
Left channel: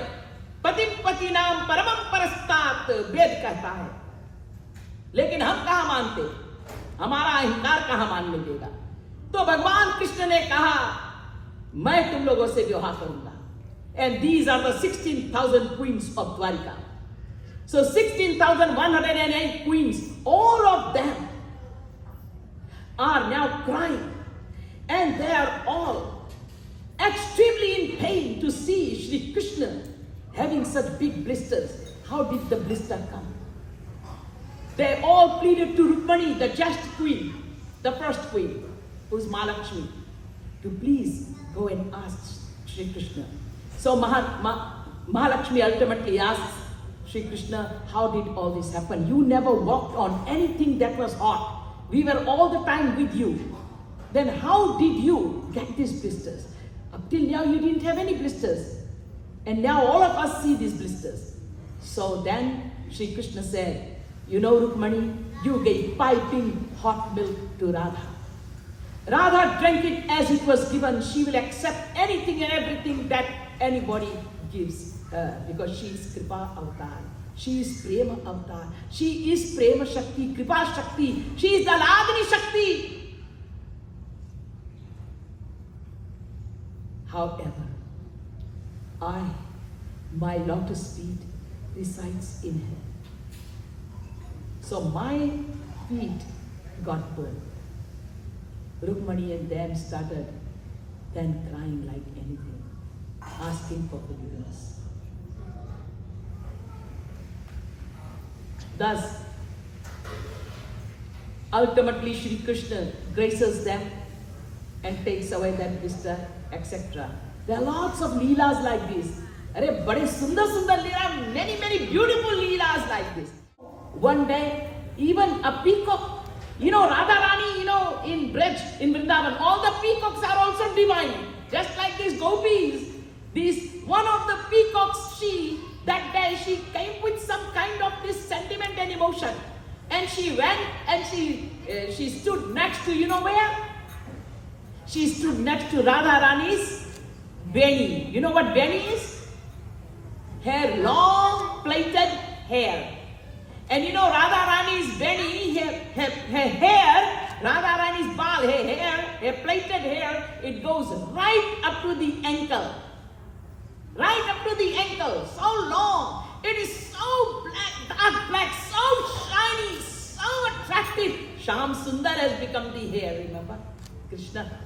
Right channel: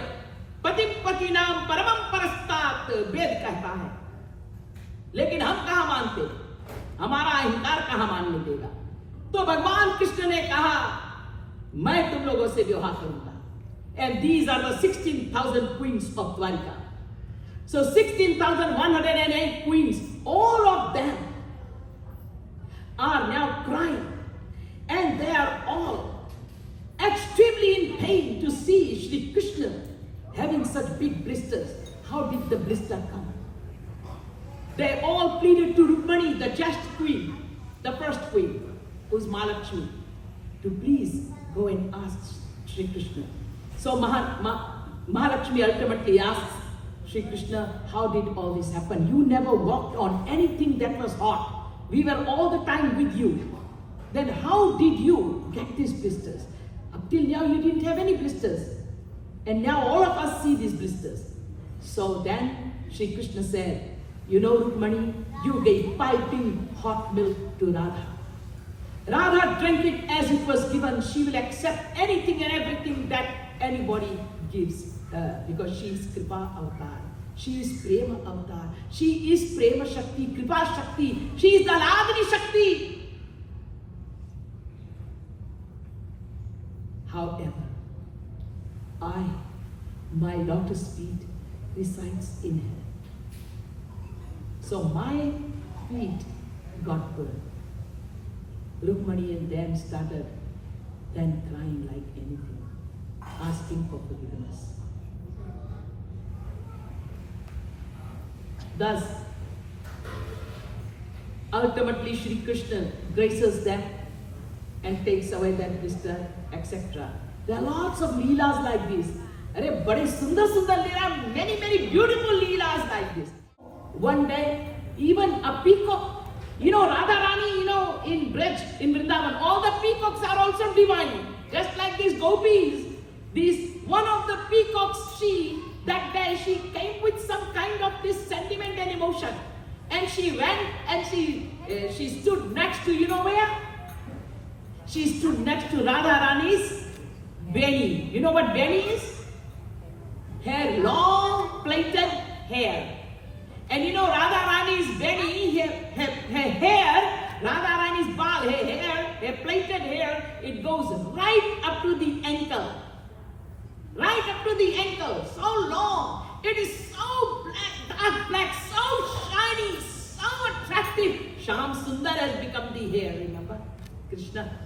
पति पति नाम परमं परस्तात् वेद कहता है। लेकिन हम कहाँ मानते, हमारा अहंकार कहाँ मानने देगा। तो भगवान कृष्ण ने कहा, मैं तुम लोगों से विवाह करूंगा। And these are the 16,000 queens of Dwarka. So 16,108 queens, all of them are now crying, and they are all extremely in pain to see Shri Krishna having such big blisters. How did the blister come? They all pleaded to Rukmani, the just queen, the first queen, who's Mahalakshmi, to please go and ask Shri Krishna. So Mahalakshmi ultimately asks Shri Krishna, "How did all this happen? You never walked on anything that was hot. We were all the time with you. Then how did you get these blisters?" Up till now you didn't have any blisters. And now all of us see these blisters. So then Shri Krishna said, you know Rukmani, you gave piping hot milk to Radha. Radha drank it as it was given. She will accept anything and everything that anybody gives her because she is Kripa Avatar. She is Prema Avatar. She is Prema Shakti, Kripa Shakti. She is the Lagni Shakti. However, my lotus feet resides in her. So my feet got burned. Rukmani and them started then crying like anything, asking for forgiveness. Thus, ultimately Shri Krishna graces them and takes away that blister, etc. There are lots of leelas like this. Arey, bade sundar leela, many beautiful leelas like this. One day, even a peacock, Radha Rani, in Braj, in Vrindavan, all the peacocks are also divine. Just like these gopis. One of the peacocks, that day she came with some kind of this sentiment and emotion. And she went and she stood next to, where? She stood next to Radha Rani's Veni. You know what Veni is? Hair, long plaited hair. And Radha Rani's Veni, her hair, Radha Rani's bal, her plaited hair, it goes right up to the ankle. Right up to the ankle, so long. It is so black, dark black, so shiny, so attractive. Sham Sundar has become the hair, remember? Krishna.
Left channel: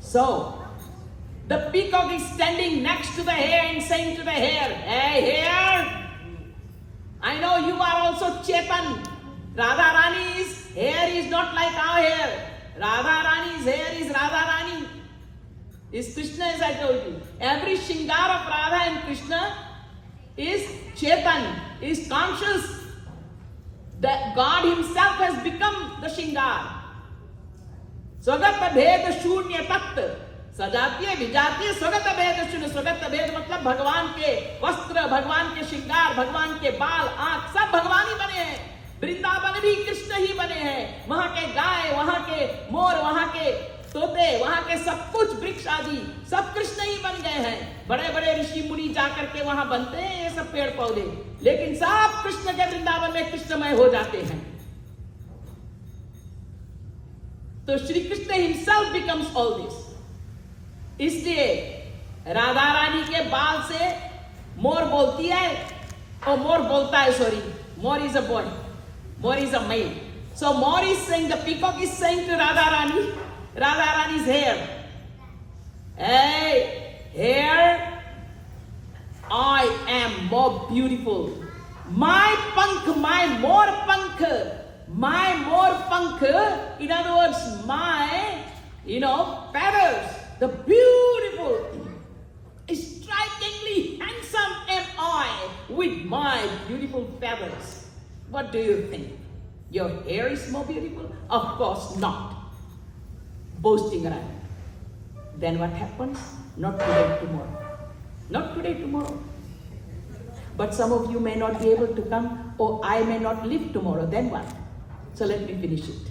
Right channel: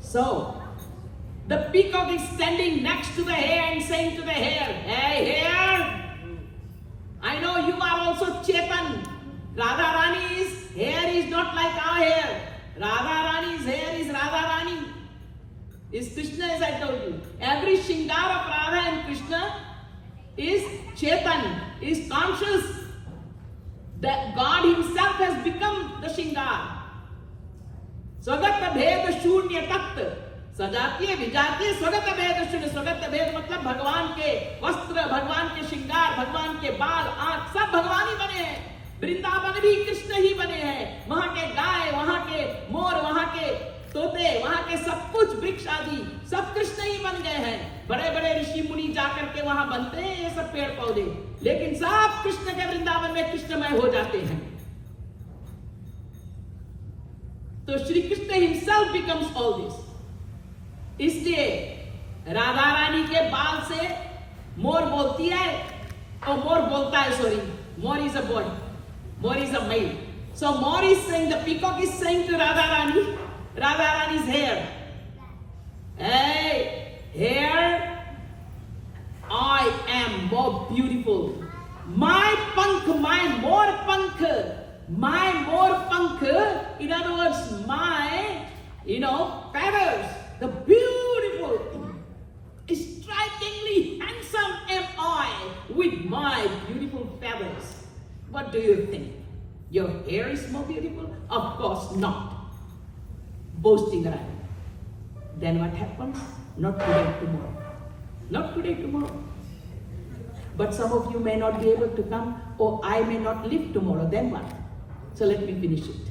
So, the peacock is standing next to the hair and saying to the hair, hey hair, I know you are also Chetan. Radha Rani's hair is not like our hair. Radha Rani's hair is Radha Rani. Is Krishna, as I told you. Every Shingar of Radha and Krishna is Chetan, is conscious that God himself has become the Shingar. Swagata Bhed Shunya Tat. सजातीय विजातीय स्वगत भेद शून्य स्वगत भेद मतलब भगवान के वस्त्र, भगवान के श्रृंगार, भगवान के बाल, आंख सब भगवान ही बने हैं. वृंदावन भी कृष्ण ही बने हैं. वहां के गाय, वहां के मोर, वहां के तोते, वहां के सब कुछ वृक्ष आदि सब कृष्ण ही बन गए हैं. बड़े बड़े ऋषि मुनि जाकर के वहां बनते हैं ये सब पेड़ पौधे, लेकिन सब कृष्ण के वृंदावन में कृष्णमय हो जाते हैं. तो Shri Krishna himself becomes all this. इसलिए राधा रानी के बाल से मोर बोलती है, और मोर बोलता है, सॉरी, मोर इज अ बॉय, मोर इज अ मेल. सो मोर is saying, the peacock is saying to Radha Rani's hair, hey hair, I am more beautiful. My pankh, my more pankh, in other words, my, feathers, the beautiful, strikingly handsome am I with my beautiful feathers. What do you think? Your hair is more beautiful? Of course not. Boasting around. Then what happens? Not today, tomorrow. Not today, tomorrow. But some of you may not be able to come, or I may not live tomorrow. Then what? So let me finish it.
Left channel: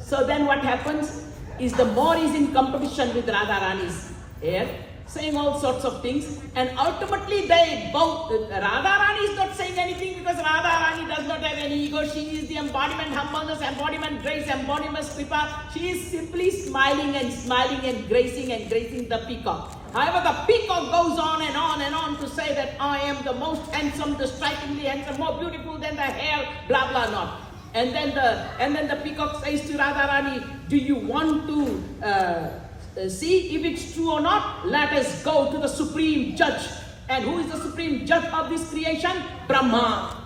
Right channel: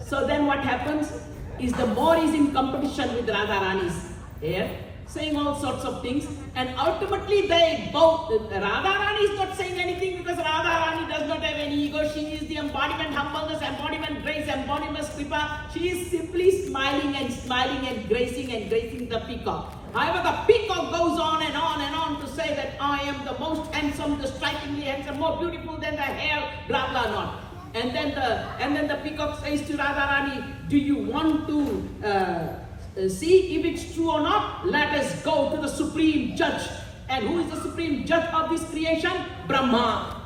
So then what happens is the Moor is in competition with Radha Rani's hair, saying all sorts of things, and ultimately they both, Radha Rani is not saying anything because Radha Rani does not have any ego. She is the embodiment humbleness, embodiment grace, embodiment kripa. She is simply smiling and gracing the peacock. However, the peacock goes on and on to say that I am the most handsome, the strikingly handsome, more beautiful than the hair, blah blah blah. And then the peacock says to Radha Rani, do you want to see if it's true or not? Let us go to the supreme judge. And who is the supreme judge of this creation? Brahma.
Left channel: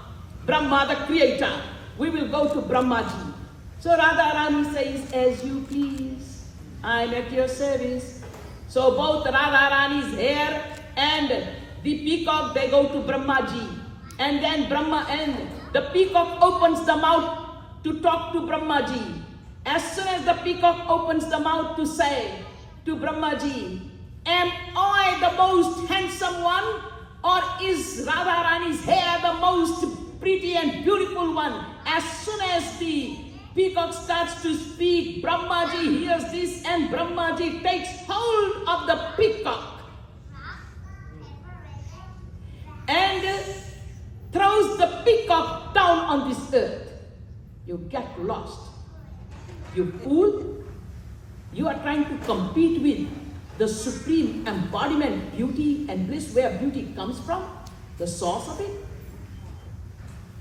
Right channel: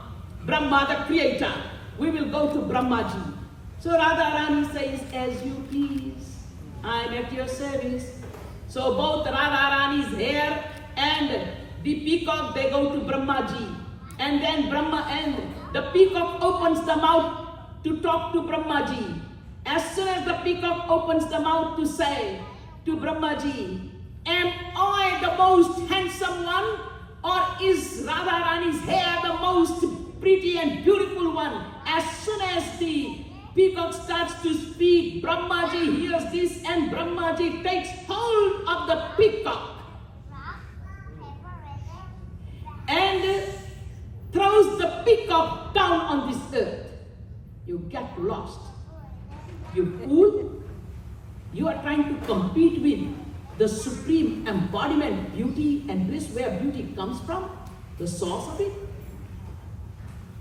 Brahma, the creator. We will go to Brahmaji. So Radha Rani says, as you please, I'm at your service. So both Radha Rani's hair and the peacock, they go to Brahmaji. And then the peacock opens the mouth to talk to Brahmaji. As soon as the peacock opens the mouth to say, to Brahmaji, am I the most handsome one, or is Radharani's hair the most pretty and beautiful one? As soon as the peacock starts to speak, Brahmaji hears this and Brahmaji takes hold of the peacock and throws the peacock down on this earth. You get lost. You fool. You are trying to compete with the supreme embodiment, beauty and bliss, where beauty comes from, the source of it.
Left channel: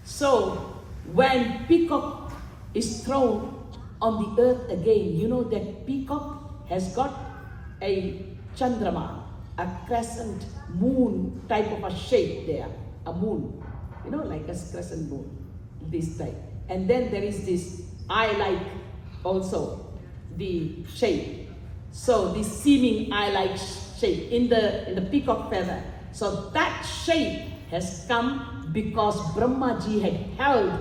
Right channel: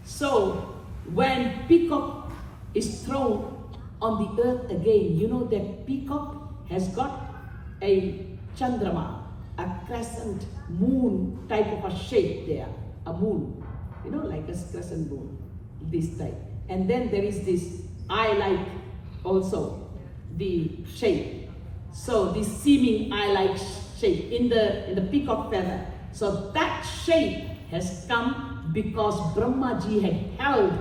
So, when peacock is thrown on the earth again, you know that peacock has got a chandrama, a crescent moon type of a shape there, a moon, you know, like a crescent moon, this type. And then there is this eye-like also, the shape. So this seeming eye-like shape in the peacock feather. So that shape has come because Brahmaji had held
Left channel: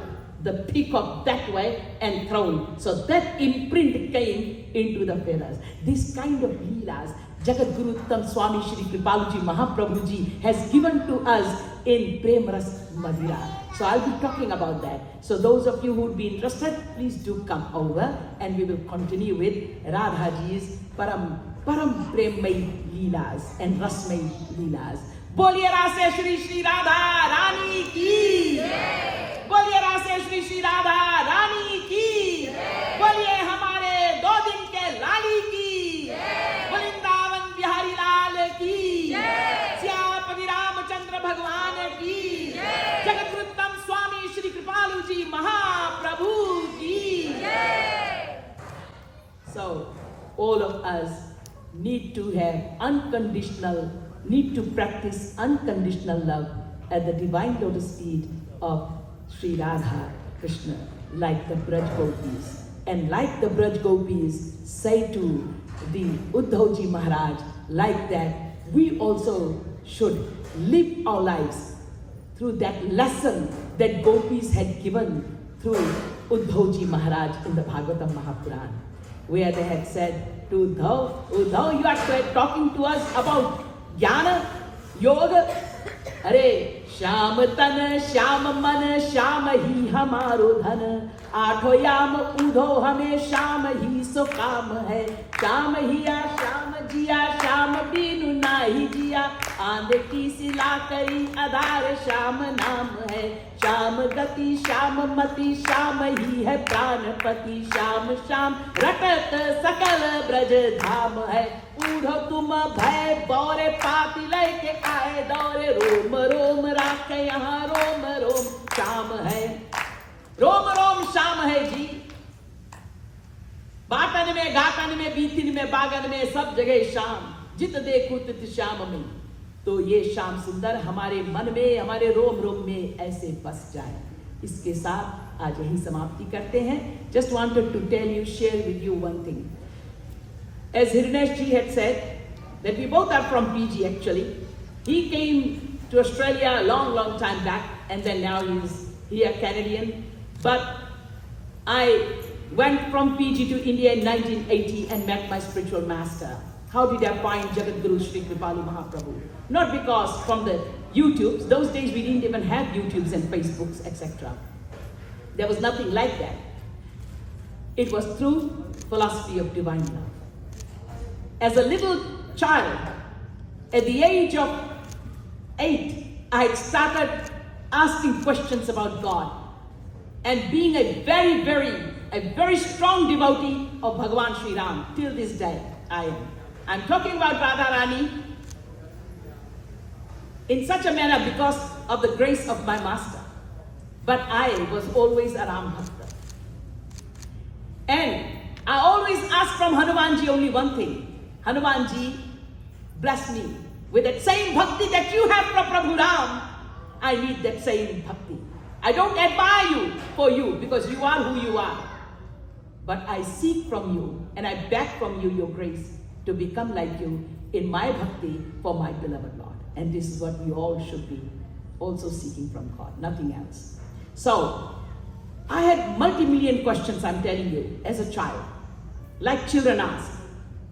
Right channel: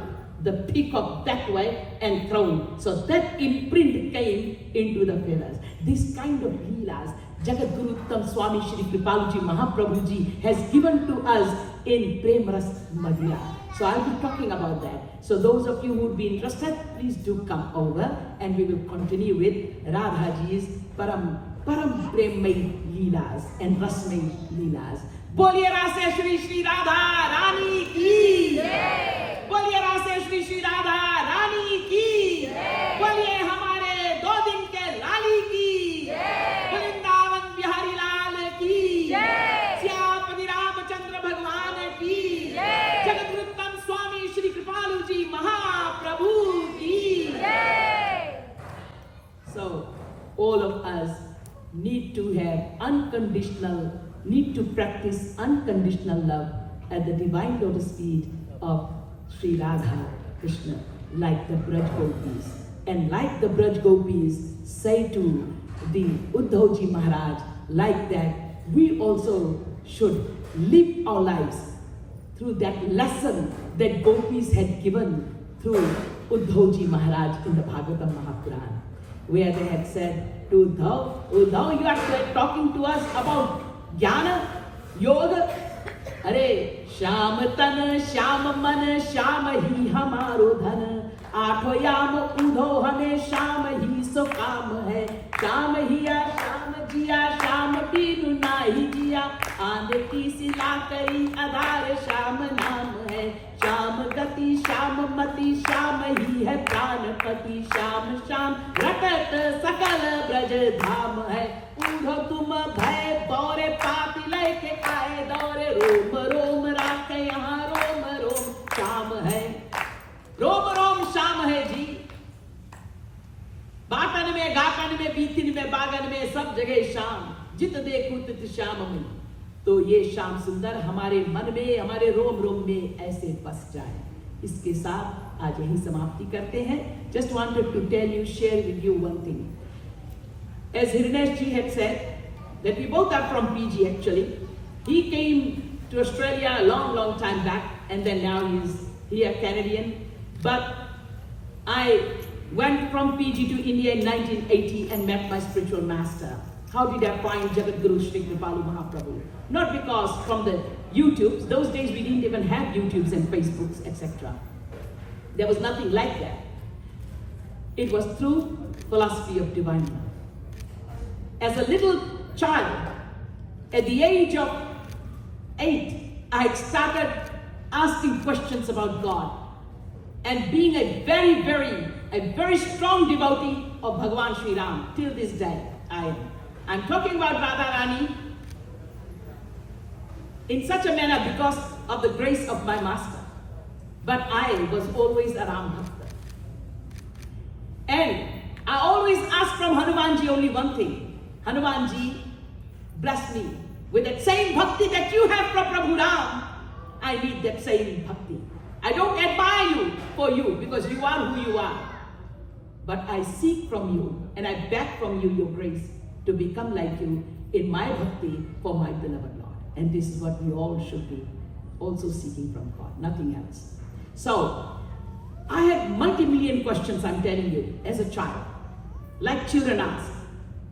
the peacock that way and thrown. So that imprint came into the feathers. This kind of leelas, Jagat Guru Uttam Swami Shri Kripaluji Mahaprabhuji has given to us in Prem Ras Madhura. So I'll be talking about that. So those of you who would be interested, please do come over and we will continue with Radhaji's Param Premmai Leelas and Rasmai Leelas. Boliye Rase Shri Shri Radha Rani ki! Boliye Rase Shri Shri Radha Rani ki! Boliye Hamare Do Din Ke Lali ki! Vrindavan Bihari Lal ki! Syapati Ramachandra Bhagwan ki! Jagat Guru Uttam Swami Shri Kripaluji Mahaprabhu ki! So, all of us need to practice unconditional love at the divine lotus feet of Sri Radha Krishna, like the Braj Gopis. And like the Braj Gopis say to the Uddhavji Maharaj, like that, we also should live our lives through that lesson that Gopis had given through Uddhavji Maharaj in the Bhagavatam Mahapuran, where they had said to Uddhav, you are talking to us about Jnana, Yoga. Are, Sham tan, Sham man, Sham hi hamaro dhan. Aatho yam udho hame Sham hi so kaam hai. Sham hiya, Sham jiya, Sham binu nahi jiya. Aande ki sila kari adar Sham naam hai. Sham gati, Sham mati, Sham hi hai pranpati. Sham Sham rakat sakal braj dham hai. Udho tum bhai dore paati leke aaye dore rom rom rakhe yahan rom rom Sham hai. Rom rom Sham hai ji. बाटन में, गाटन में, बीतिन में, बागन में, सब जगह शाम. जित देखूं तित श्याम में. तो ये श्याम सुंदर हमारे मन में, हमारे रोम रोम में ऐसे बस जाए. इसके साथ आज यही समाप्ति करते हैं. Just wanted to tell you, share with you one thing. As Hrinesh ji had said, that we both are from PG actually. He came to Australia a long time back, and then now he is here Canadian. But I went from PG to India in 1980 and met my spiritual master. How did I find Jagat Guru Shri Kripalu Mahaprabhu? Not because from the YouTubes. Those days we didn't even have YouTubes and Facebooks, etc. There was nothing like that. It was through philosophy of divine love. As a little child, at the age of 8, I had started asking questions about God. And being a very strong devotee of Bhagavan Sri Ram, till this day I am. I'm talking about Radharani in such a manner because of the grace of my master. But I was always a Ram Bhakta. And I always ask from Hanumanji only one thing. Hanumanji, bless me with that same bhakti that you have from Prabhu Ram. I need that same bhakti. I don't admire you for you because you are who you are. But I seek from you and I beg from you your grace to become like you in my bhakti for my beloved Lord. And this is what we all should be also seeking from God, nothing else. So, I had multi-million questions, I'm telling you, as a child, like children ask.